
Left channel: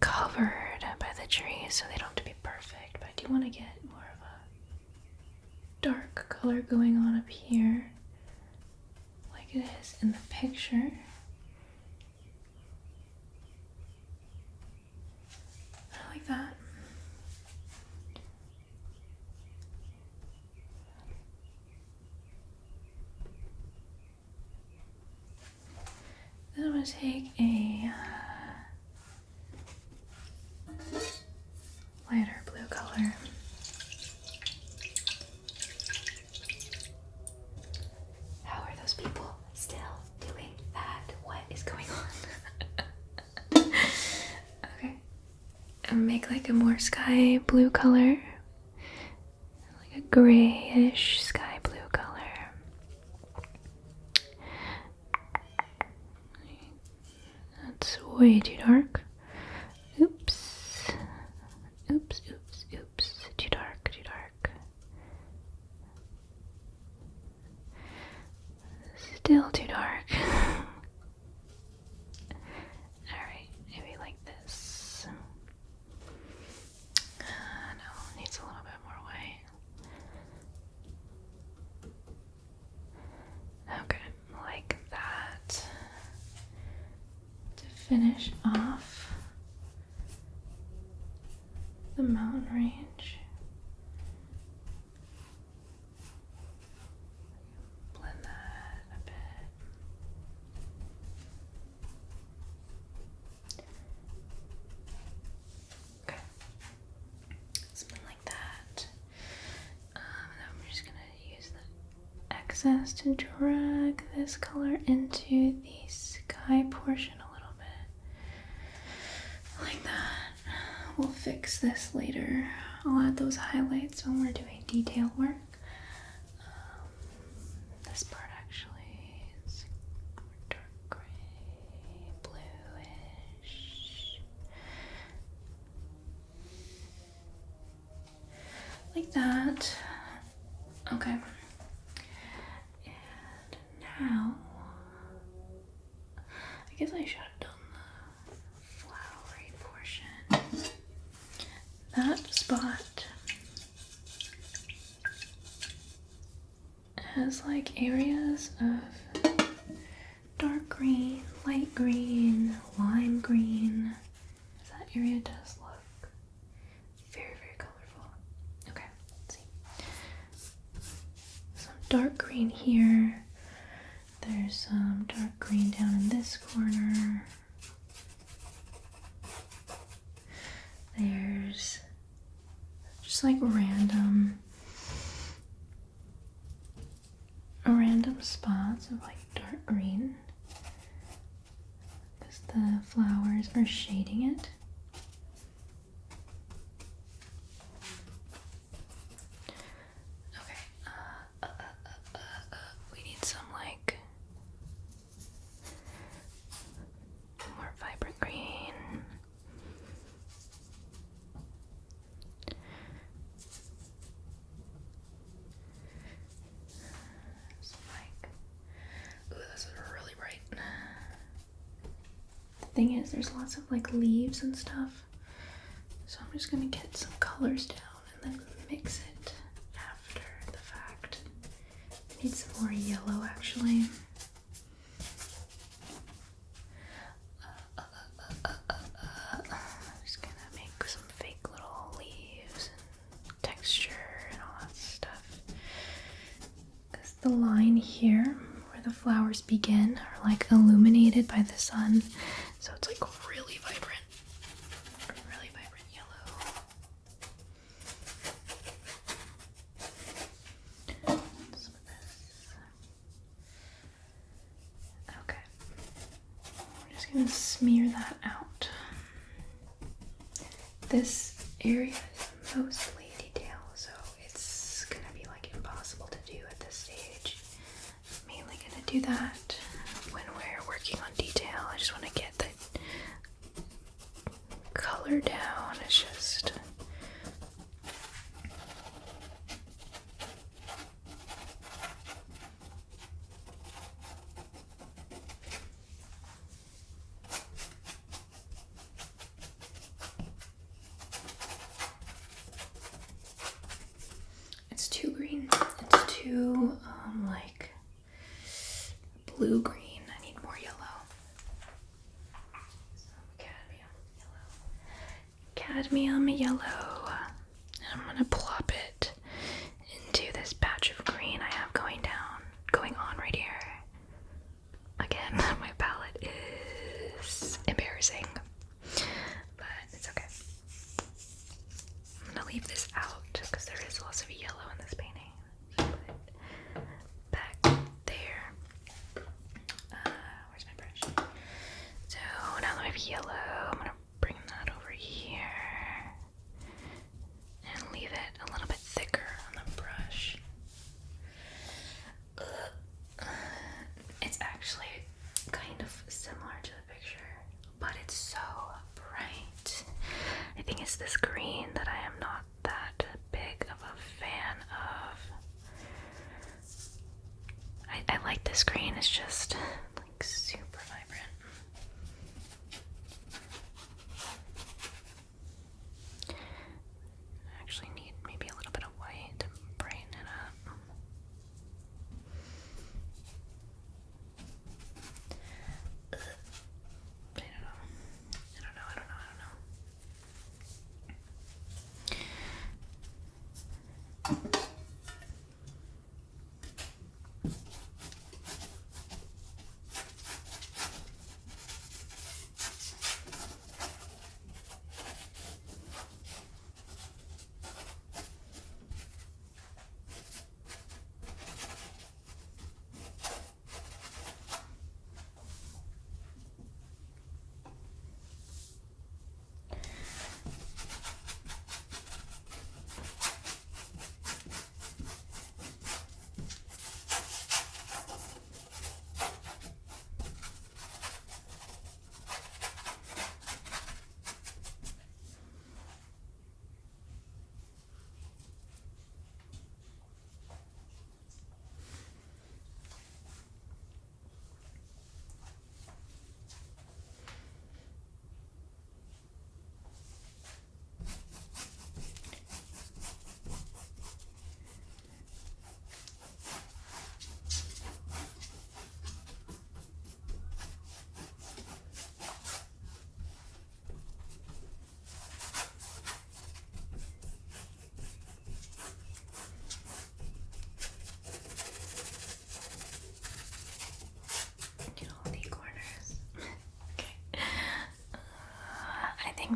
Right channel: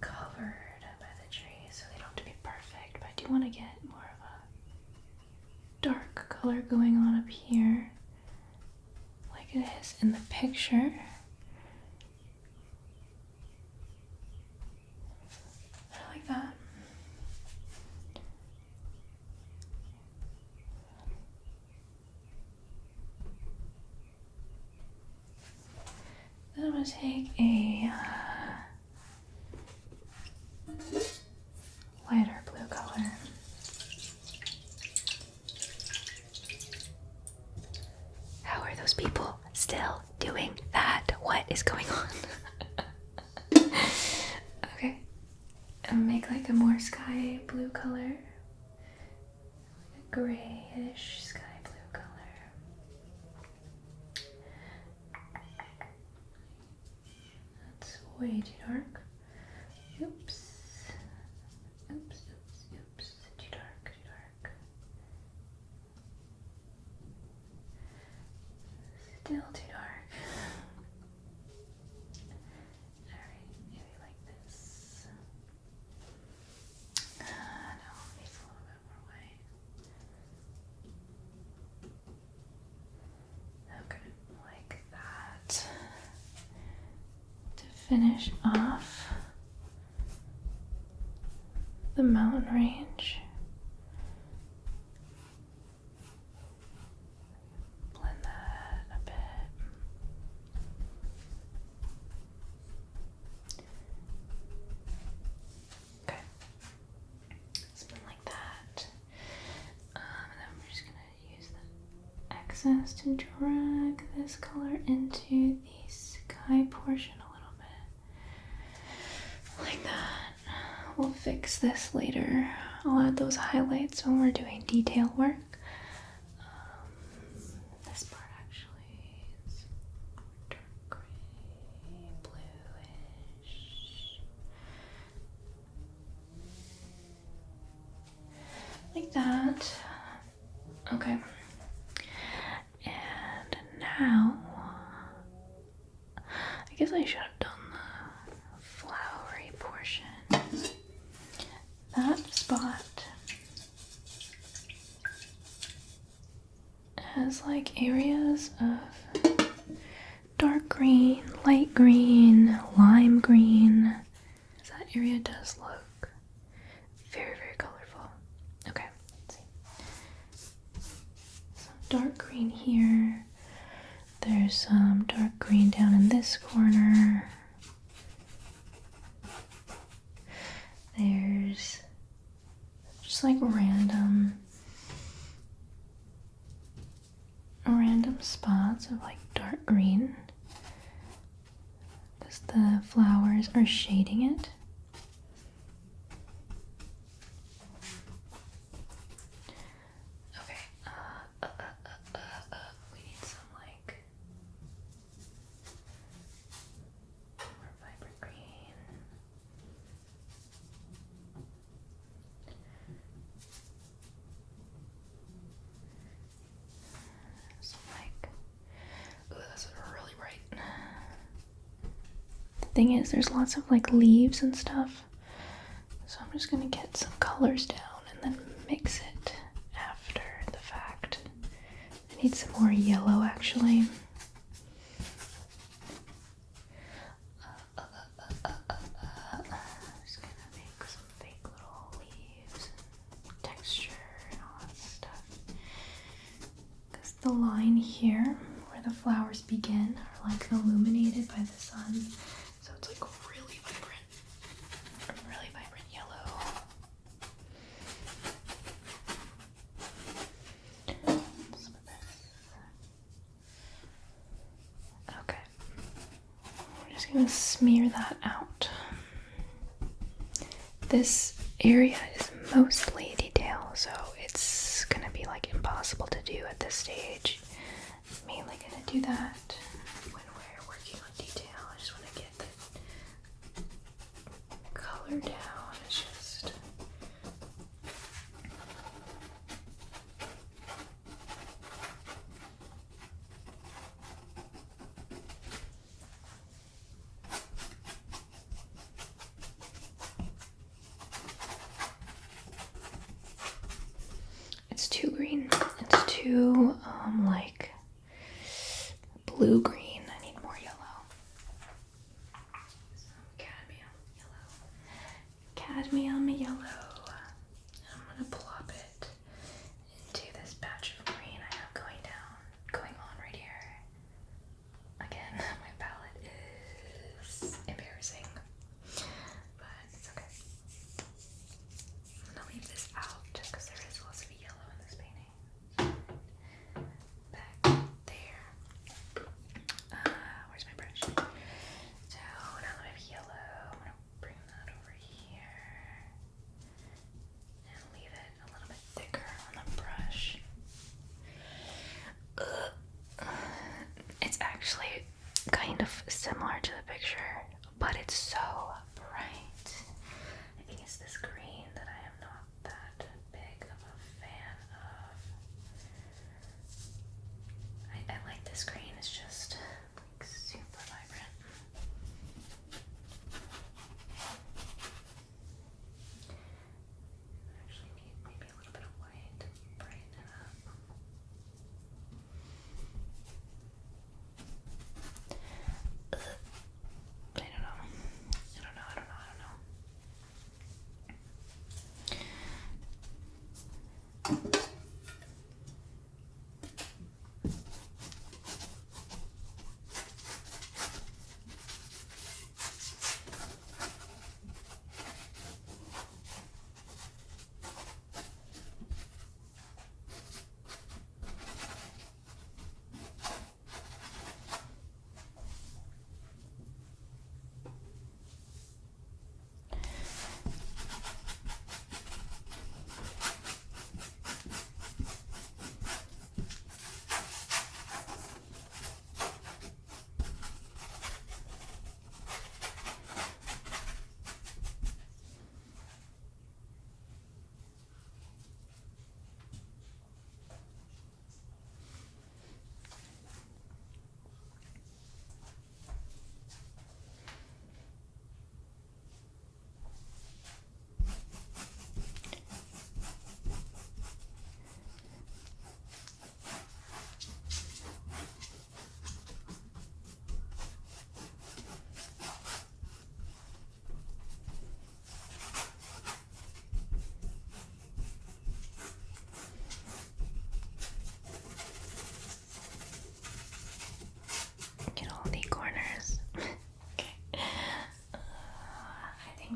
covered by the trees, so they don't have to be perfect. But I do want to get more of a dark color going on up here, like it is in the picture. I like that. Then I'm going to take a lighter blue color. How are those people still doing that? What is going on? Okay. And make like a more sky blue color. Like a grayish sky blue color. That's way too dark. Oops. Oops, oops, oops. Too dark, too dark. Still too dark. Alright, maybe like this. No, needs a little bit more white. Okay, like that. To finish off the mountain range. Blend that a bit. Okay. Something like that. And I'm just gonna use the excess to drag this color into the sky portion a little bit. Like that. We'll fix this later. I'll add those highlights when we're doing detail work. This part actually is dark gray, bluish. Like that. Okay. And now, I guess I should have done the flowery portion. That spot has like areas of dark green, light green, lime green. That area does look very, very colorful. Okay, let's see. Some dark green here. There's some dark green down in this corner. There's just like random spots of like dark green because the flowers are shading it. Okay, we need some like more vibrant green. That's really bright. The thing is, there's lots of like leaves and stuff, so I'm just gonna get some colors down and then mix it need some more yellow actually. I'm just gonna make some fake little leaves and texture and all that stuff. Because the line here where the flowers begin are like illuminated by the sun, so it's like really vibrant yellow. Some of this. Okay. We're just gonna smear that out. This area is mostly detail, so it's gonna be like impossible to do at this stage. I'm mainly gonna do that when we're working on detail. I just want to get the color down. It's just it's too green. It's too like blue green. I need more yellow. Cadmium yellow. And I'm gonna plop it into this patch of green I have going on right here. Again, my palette is embarrassing, but it's okay. I'm gonna leave this out because there is lots of yellow in this painting. Back there. Where's my brush? So now that I have yellow, I'm gonna bring that over here and leave it a little bit thicker on the brush. It's actually kind of similar to the picture, but it's so bright. I think it's this green that I am not that big of a fan of. I like this green, it's just like super vibrant. I actually need maybe a little bit of white to brighten it up. I don't know.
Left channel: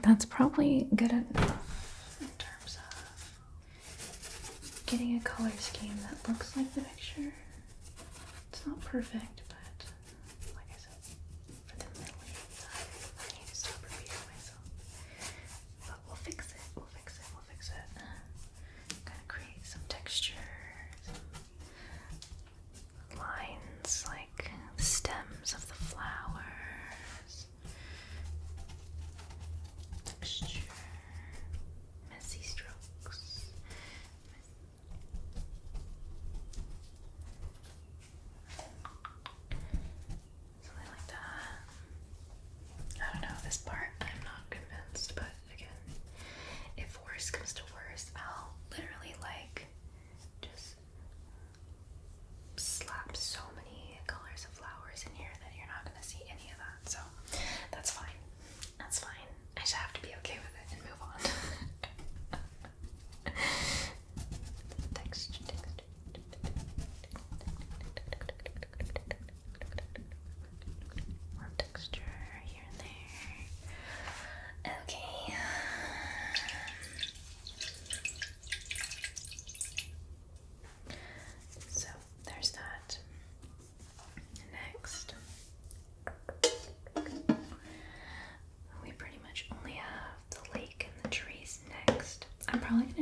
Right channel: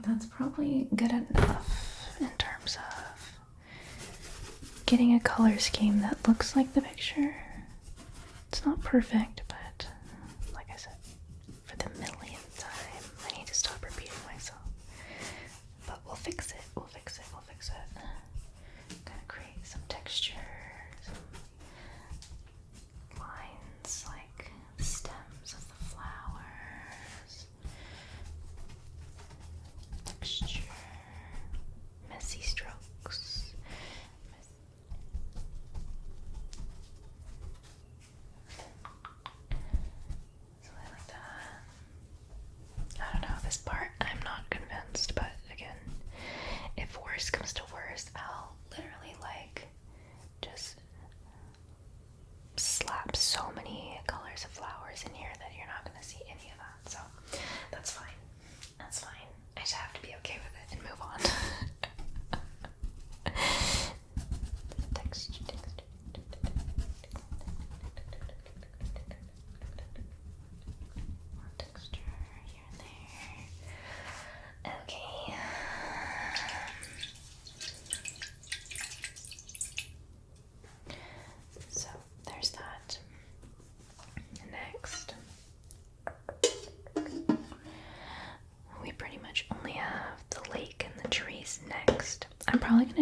That's probably good enough in terms of getting a color scheme that looks like the picture. It's not perfect, but like I said, for the millionth time, I need to stop repeating myself. But we'll fix it, we'll fix it. I'm gonna create some texture, some lines like the stems of the flowers. Texture, messy strokes.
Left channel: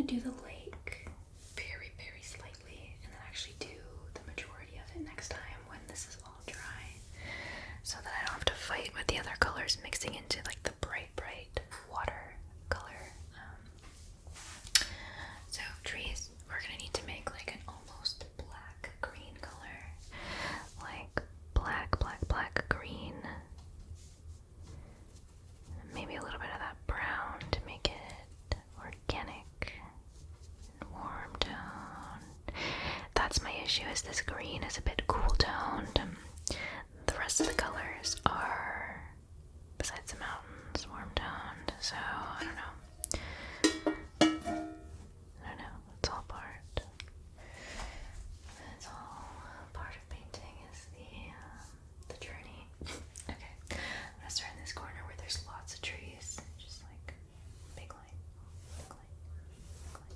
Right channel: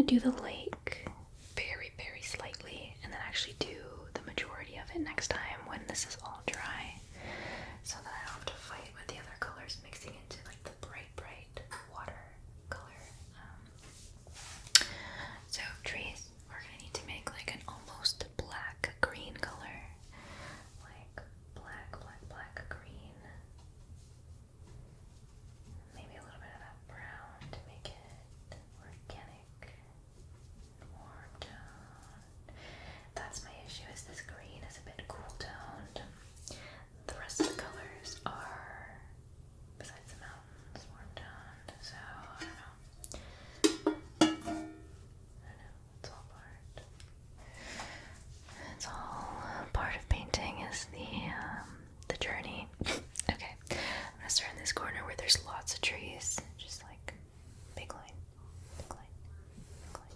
gonna do the lake very, very slightly, and then actually do the majority of it next time when this is all dry, so that I don't have to fight with the other colors mixing into like the bright water color. So trees, we're gonna need to make like an almost black green color, like black green. Maybe a little bit of that brown to make it organic and warm tone. That's my issue, is this green is a bit cool toned. The rest of the colors are, besides the mountains, warm toned. So I don't know. It's all part. It's all part of painting, is the journey. Okay, I'm gonna start in this corner where there's lots of trees, just like big line, big line, big line.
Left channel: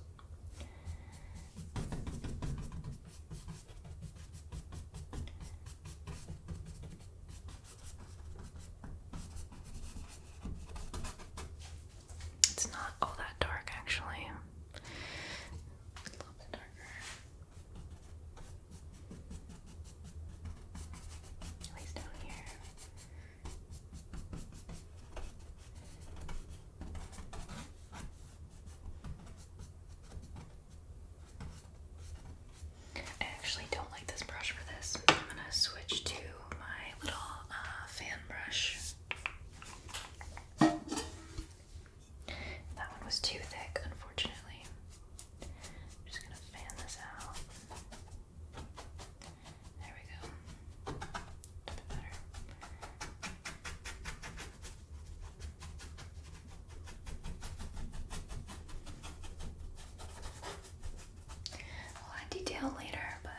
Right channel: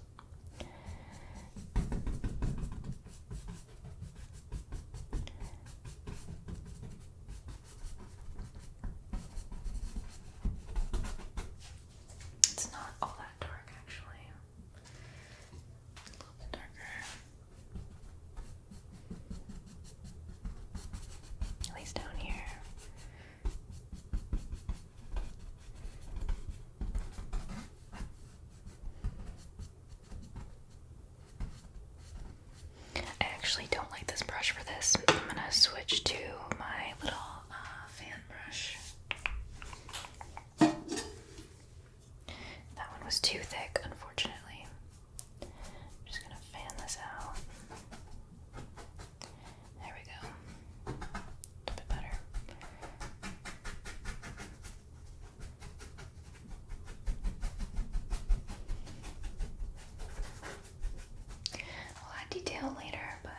It's not all that dark, actually. It's a little bit darker. At least down here. I actually don't like this brush for this. I'm gonna switch to my little fan brush. That one was too thick, unfortunately. I'm just gonna fan this out. There we go. A bit better. We'll add detail later, but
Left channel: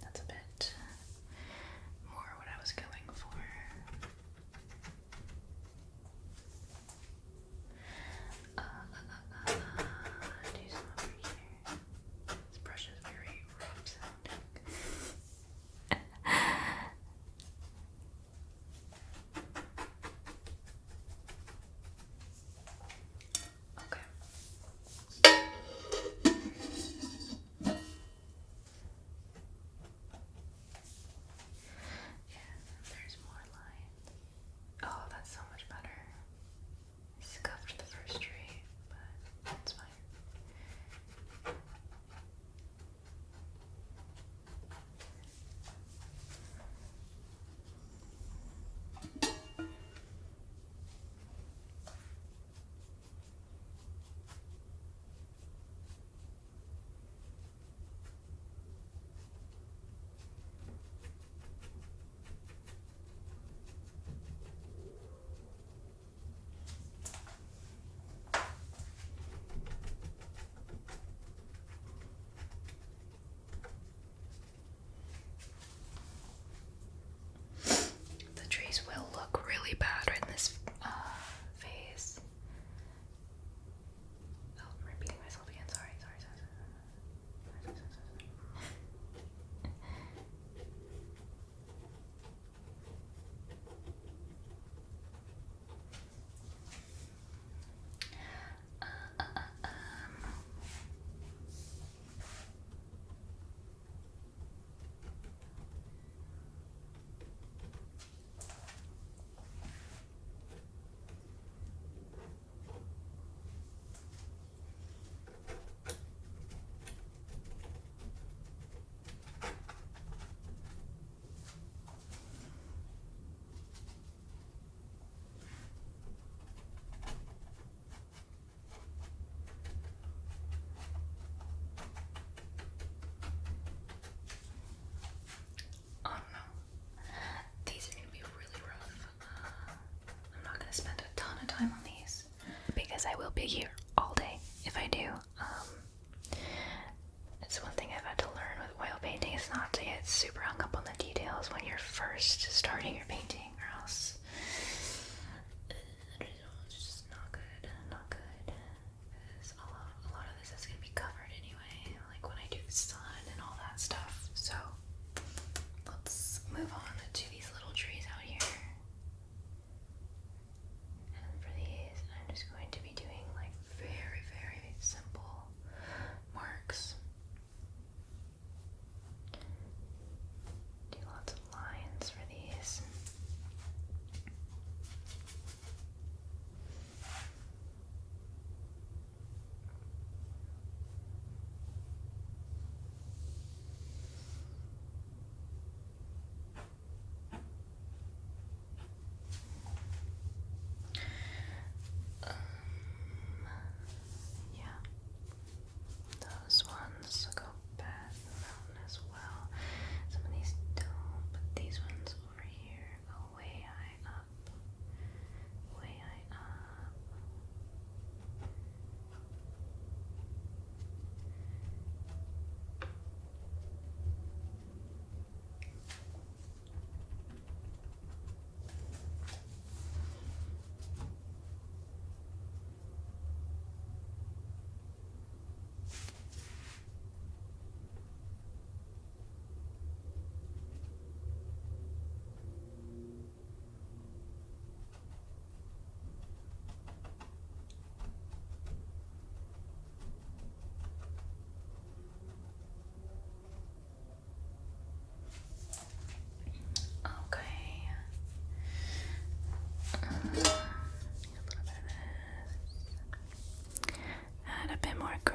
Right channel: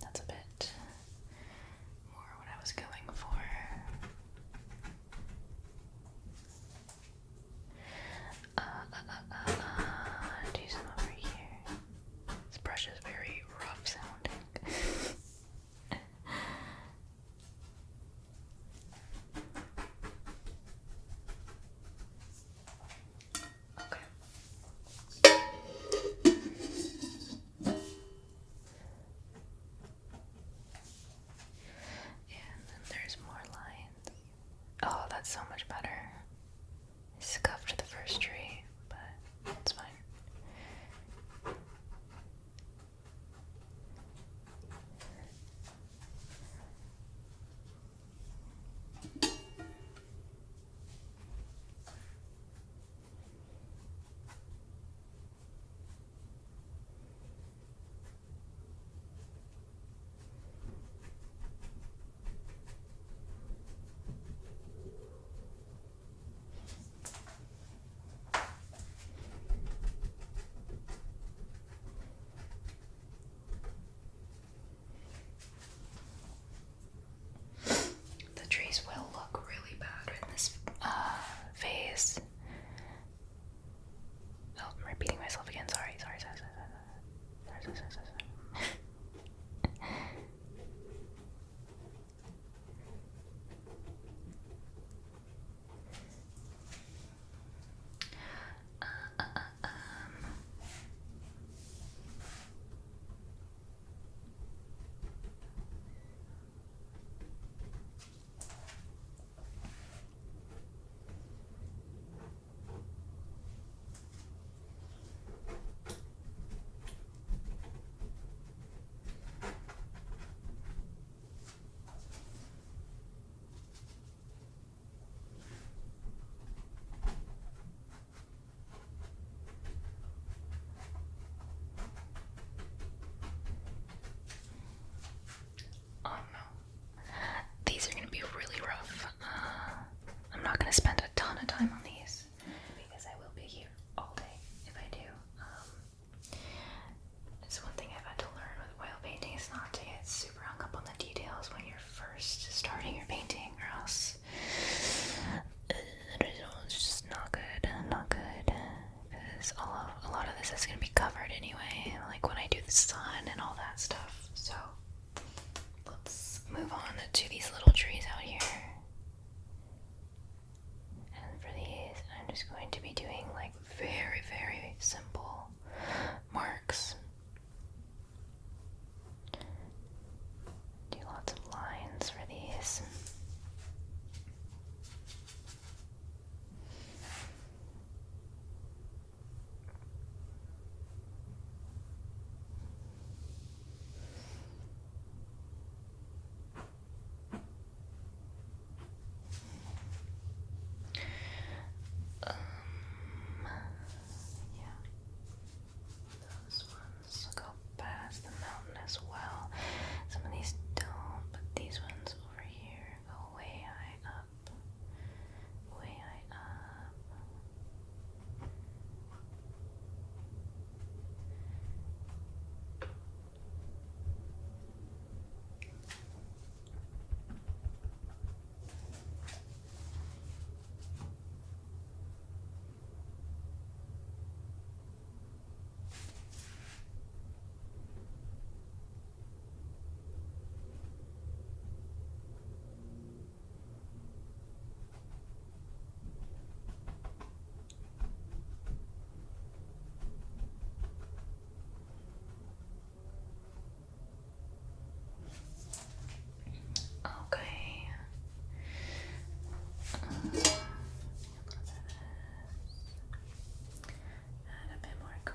that's a bit more what I was going for. Do some over here. This brush is very rough sounding. Okay.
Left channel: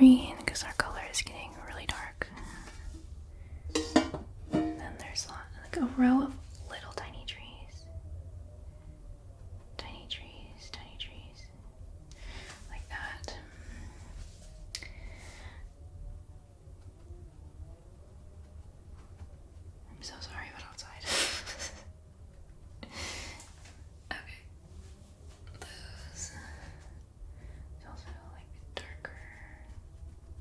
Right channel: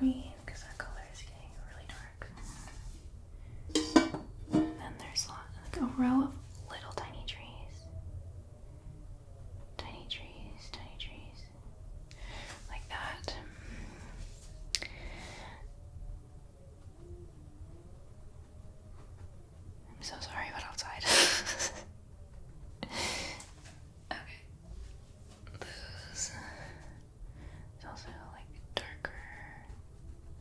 green because our color is getting really dark. And then there's like a row of little tiny trees. Tiny trees, tiny trees. Like that. I'm so sorry about outside. Okay. Those. There's also like darker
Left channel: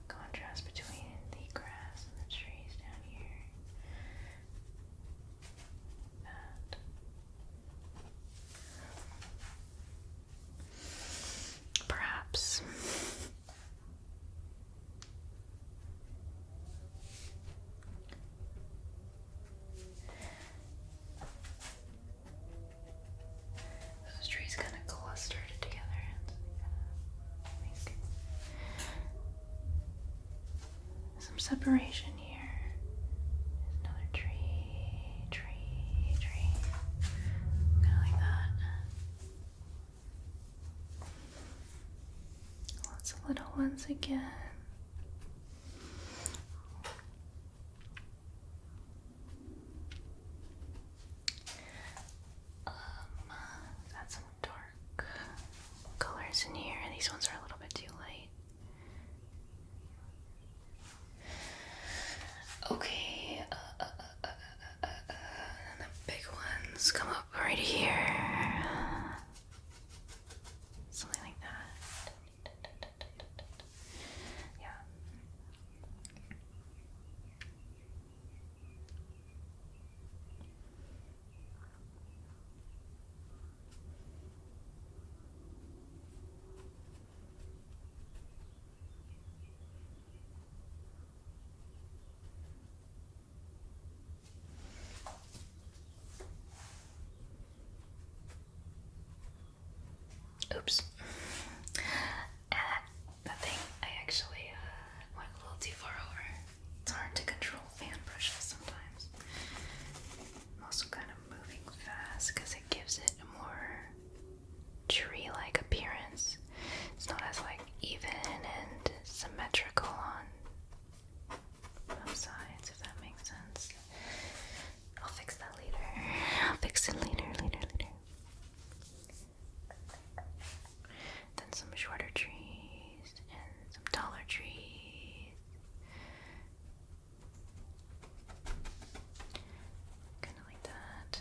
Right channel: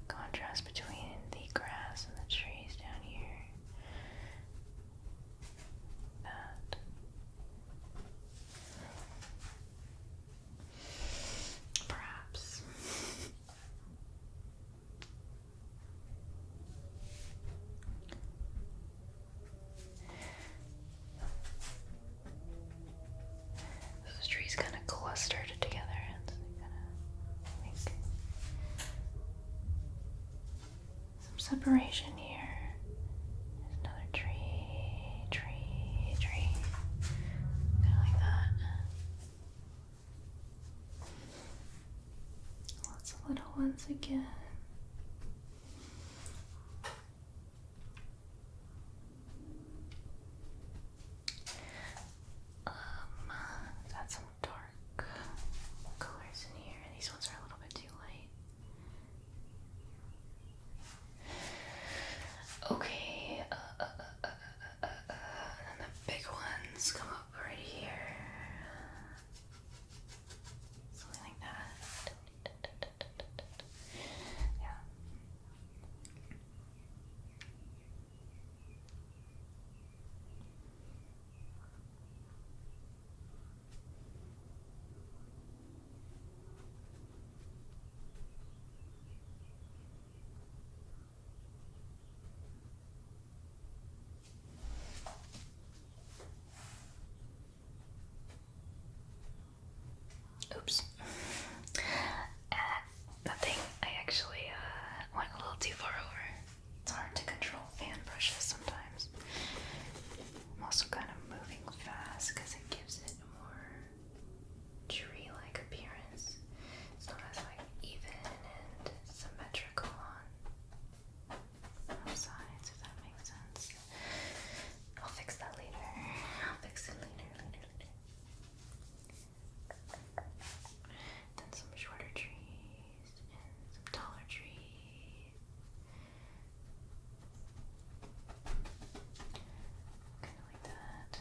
contrast between the grass and the trees down here. That. Perhaps. Those trees kind of clustered together and kind of some separation here. There's another tree. Kind of like that. Lots of little ones again. Got some dark colors in here. These ones are a little bit too light. Okay. And the big ones come up right here. Something like that. Yeah. Oops. Nothing. I actually went a little too far over. It's hard to control fan pushes sometimes. I'm also kind of moving fast because it gives it a more tree-like appearance. It's not as like even and symmetrical on both sides, if that makes sense. I'll fix that later. I'll fix it later. Then some shorter trees and some taller trees. Kind of like that.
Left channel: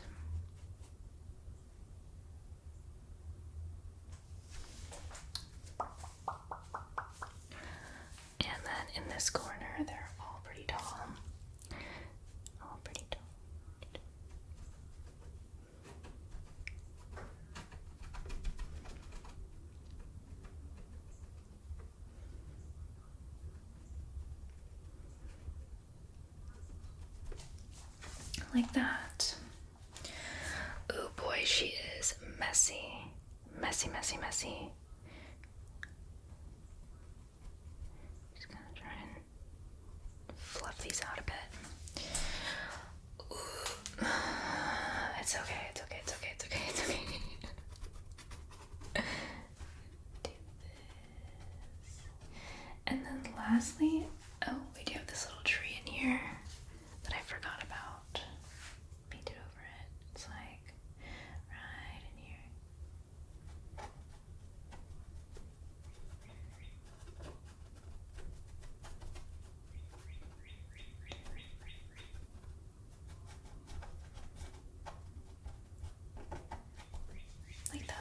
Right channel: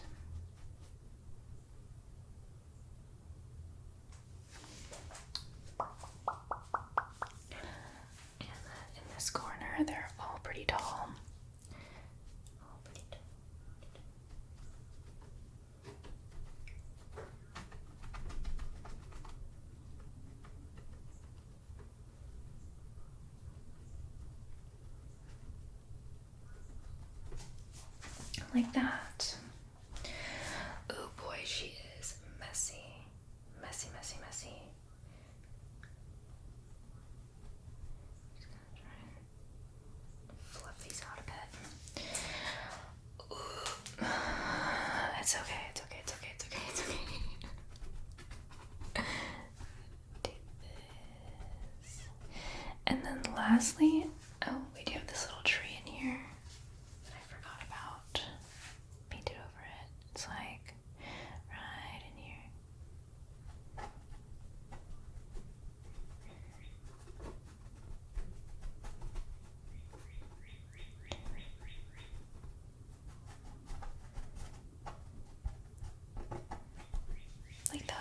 And then in this corner, they're all pretty tall. All pretty tall. Like that. Oh boy, she is messy. Messy. Just gonna try and fluff these out a bit. Ooh. It's okay. Do this. And then lastly, we do have this little tree in here that I forgot about. Painted over it. It's like right in here. Like that.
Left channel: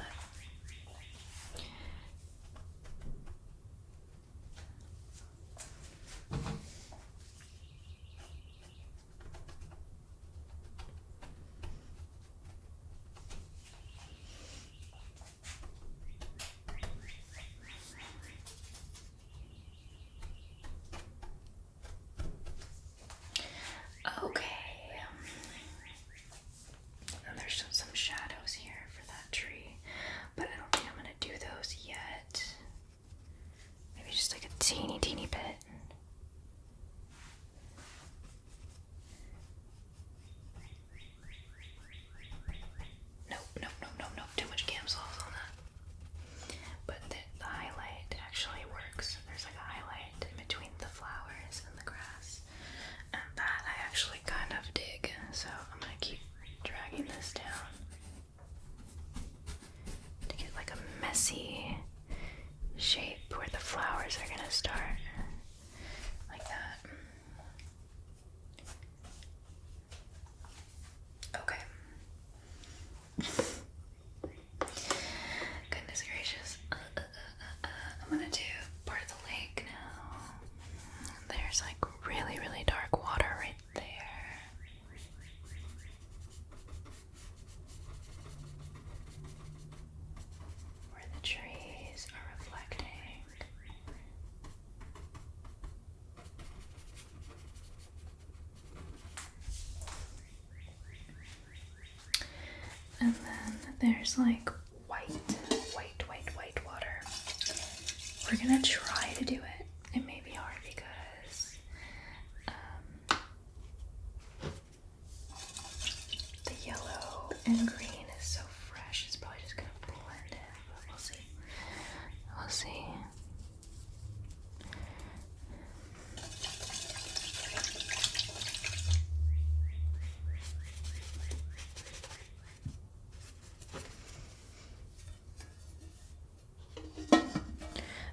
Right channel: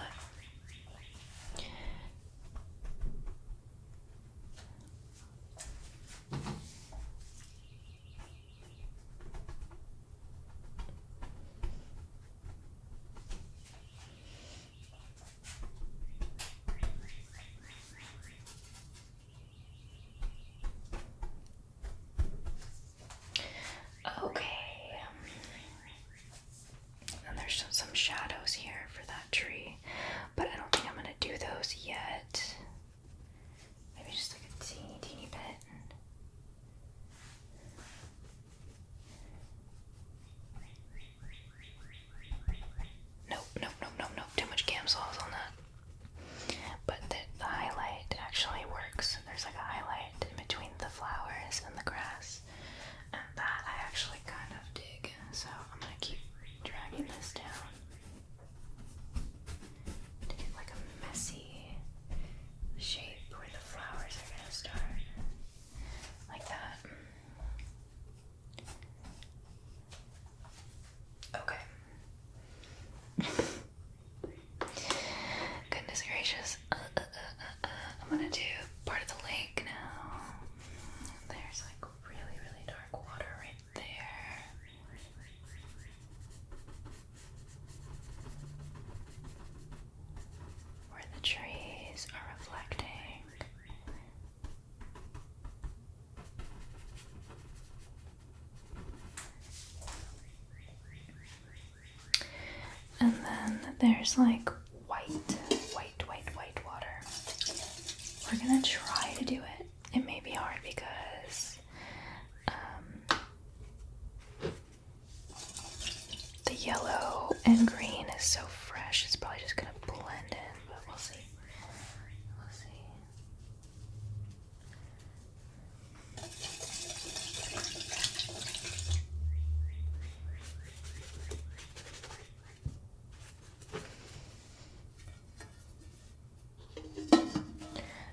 there's like white water. We're gonna try to do it. It may be hard because the yellow and green is so fresh. It's probably just gonna blend in, but we'll see. We'll see.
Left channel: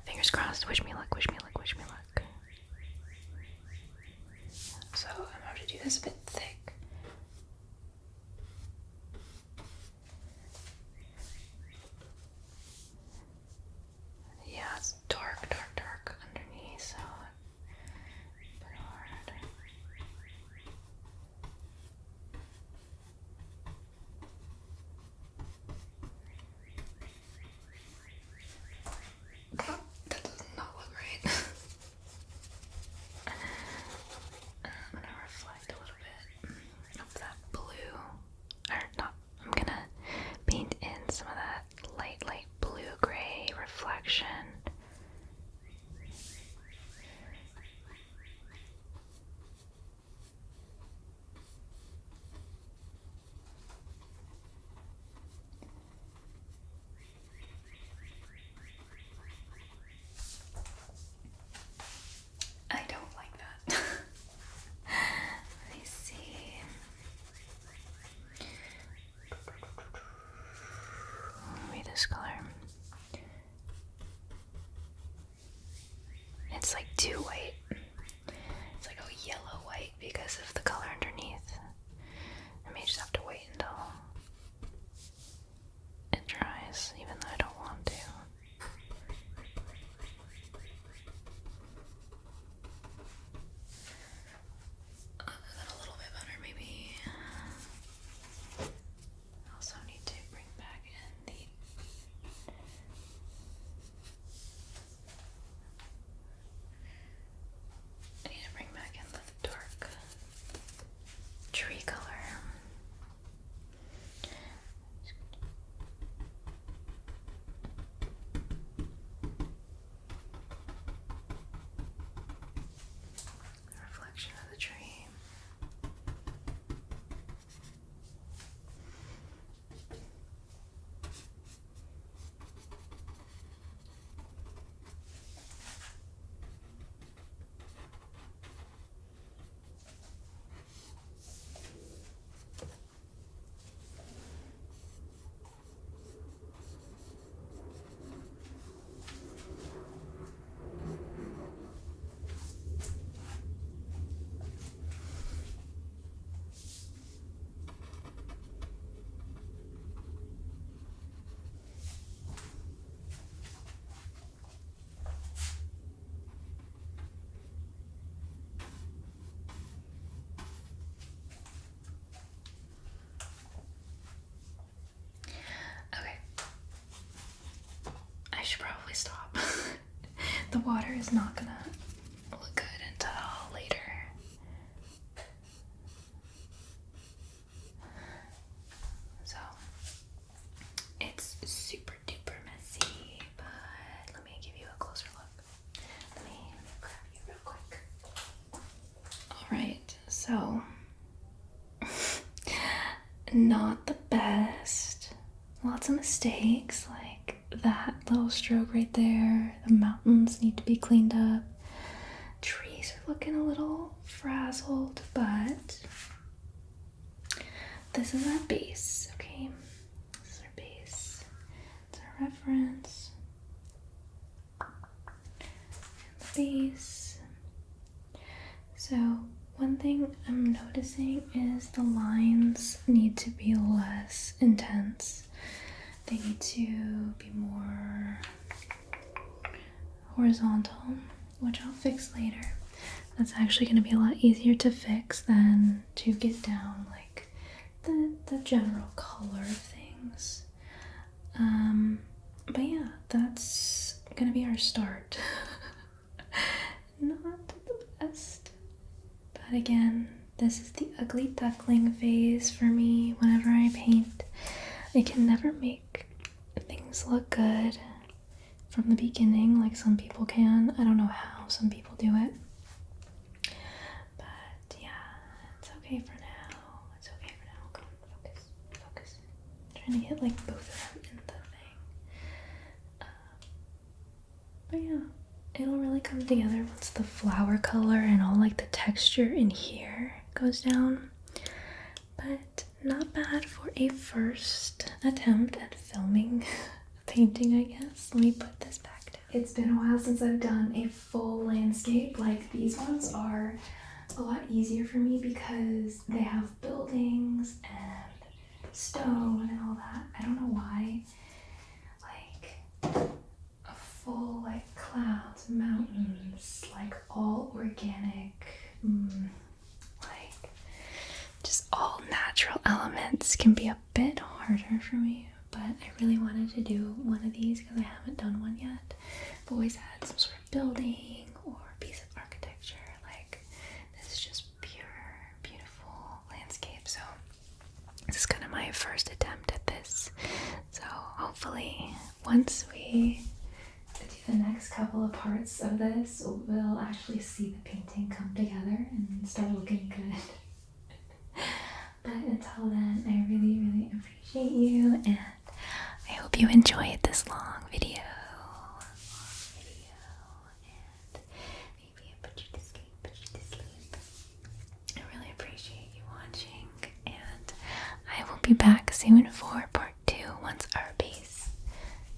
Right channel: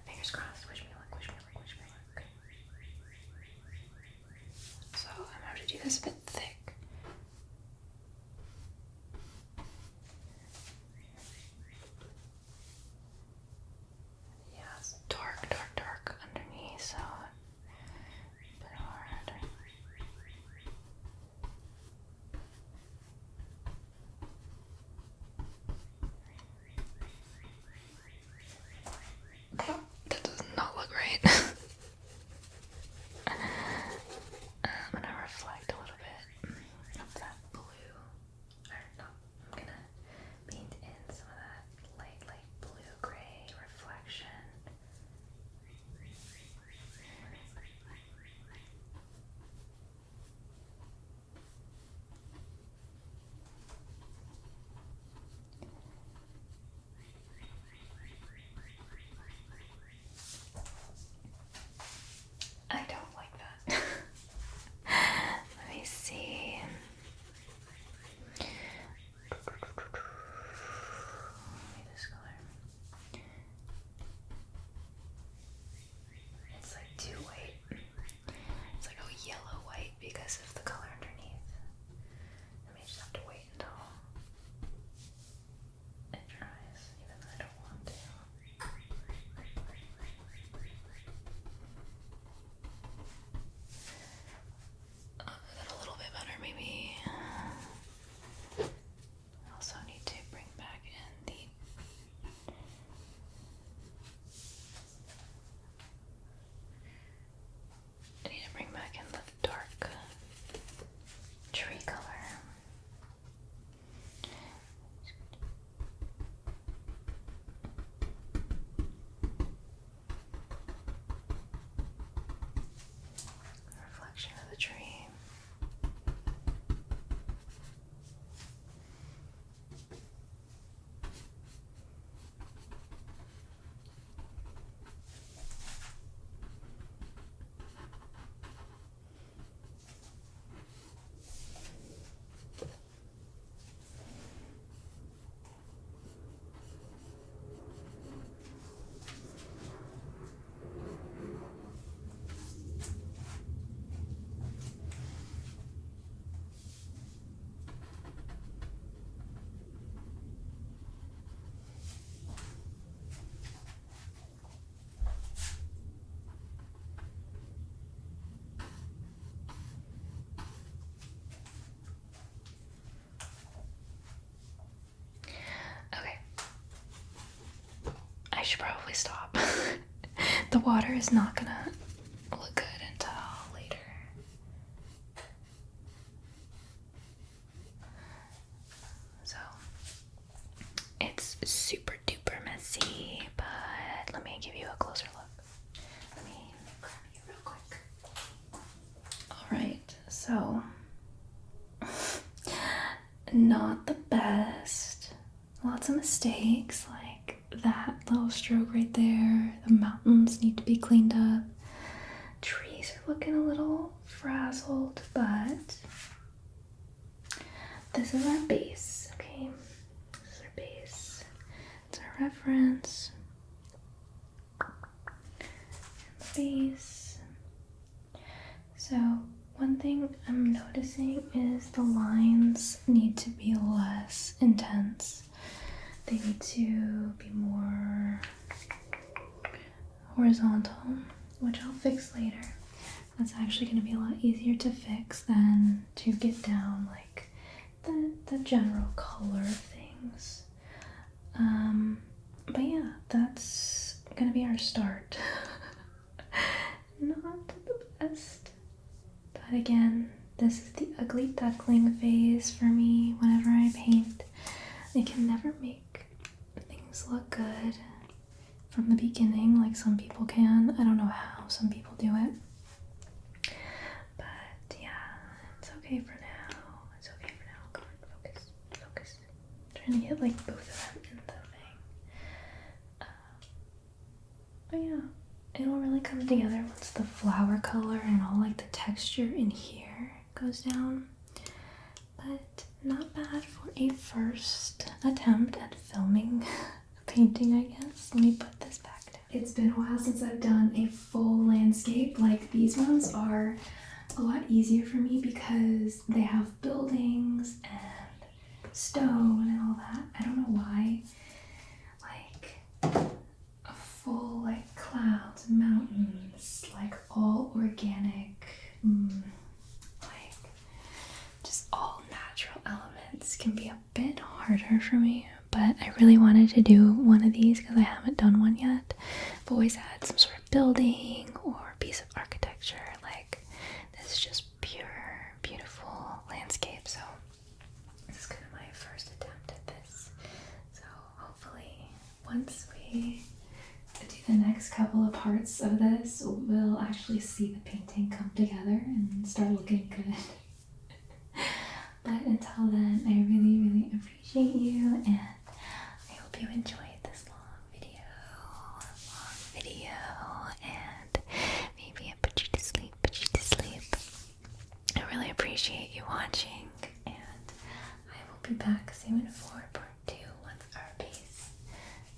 Fingers crossed. Wish me luck, wish me luck, wish me luck. So I'm gonna have to do this a bit thick. Yeah, it's dark underneath, so put it all around her. That does not look right. I'm gonna reflect a little bit of that blue. Or not, I'm gonna paint in some of that light blue-gray reflection. I don't like that. Let me see. Maybe this color. It's like too white. It's like a yellow white because of the color underneath. I may just have to wait until it dries, even though I don't want to. A little bit better, maybe. I also need to bring back in the dark tree color. Reflection of the tree. I should probably stop. The water is not gonna look good until later. So it's super duper messy, but let me give you a closer look. Let me grab you real quick. Alright, so not the best. Lots of mistakes, like that little stroke right there. The mountains need to be cleaned up. Trees are looking a little frazzled, but this is our base, okay? This is our base. It's our reference. And the base. So one thing I'm noticing is the lines need to be less intense. They need to be more horizontal, which I'll fix later. That's actually going to be a lot easier to fix than to get down like the general color of things. But yeah, that's going to be our start. Not the best. But again, this is the ugly duckling phase for me whenever I paint. they can never make things look good from the beginning like some people can. I don't know how some people do it. But yeah, it's okay for now. It's okay for now. Come on, focus. I'm trying to get like both of them in the thing. But yeah, it'll really come together once the flower color and all like the texture in here goes down. But not bad for a first attempt at filming a painting, I guess. Let me put this back down. It's been a while since I've done a full landscape. Like, these ones are a lot easier for me because they have buildings and stone and all that. I don't know why. Like, a full, like, clouds, mountains, like, all organic, like, just all natural elements can be a bit harder for me. But I really wanted to do one of these because I haven't done one yet. I've always had some sort of building or piece of architecture. Like, this is just pure, beautiful landscape. So this is kind of my first attempt at this. So hopefully once we do the next couple of parts of this, we'll actually see the painting come together and start looking good. But until then, I really, really appreciate you, and I hope you enjoyed this long video, and maybe I put you to sleep. I really appreciate you watching, and I will be back soon for part 2 once our base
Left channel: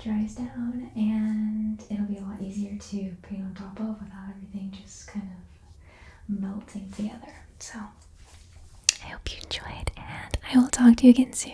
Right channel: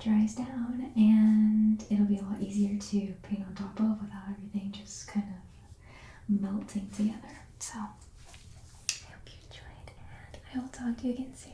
dries down, and it'll be a lot easier to paint on top of without everything just kind of melting together. So I hope you enjoyed, and I will talk to you again soon,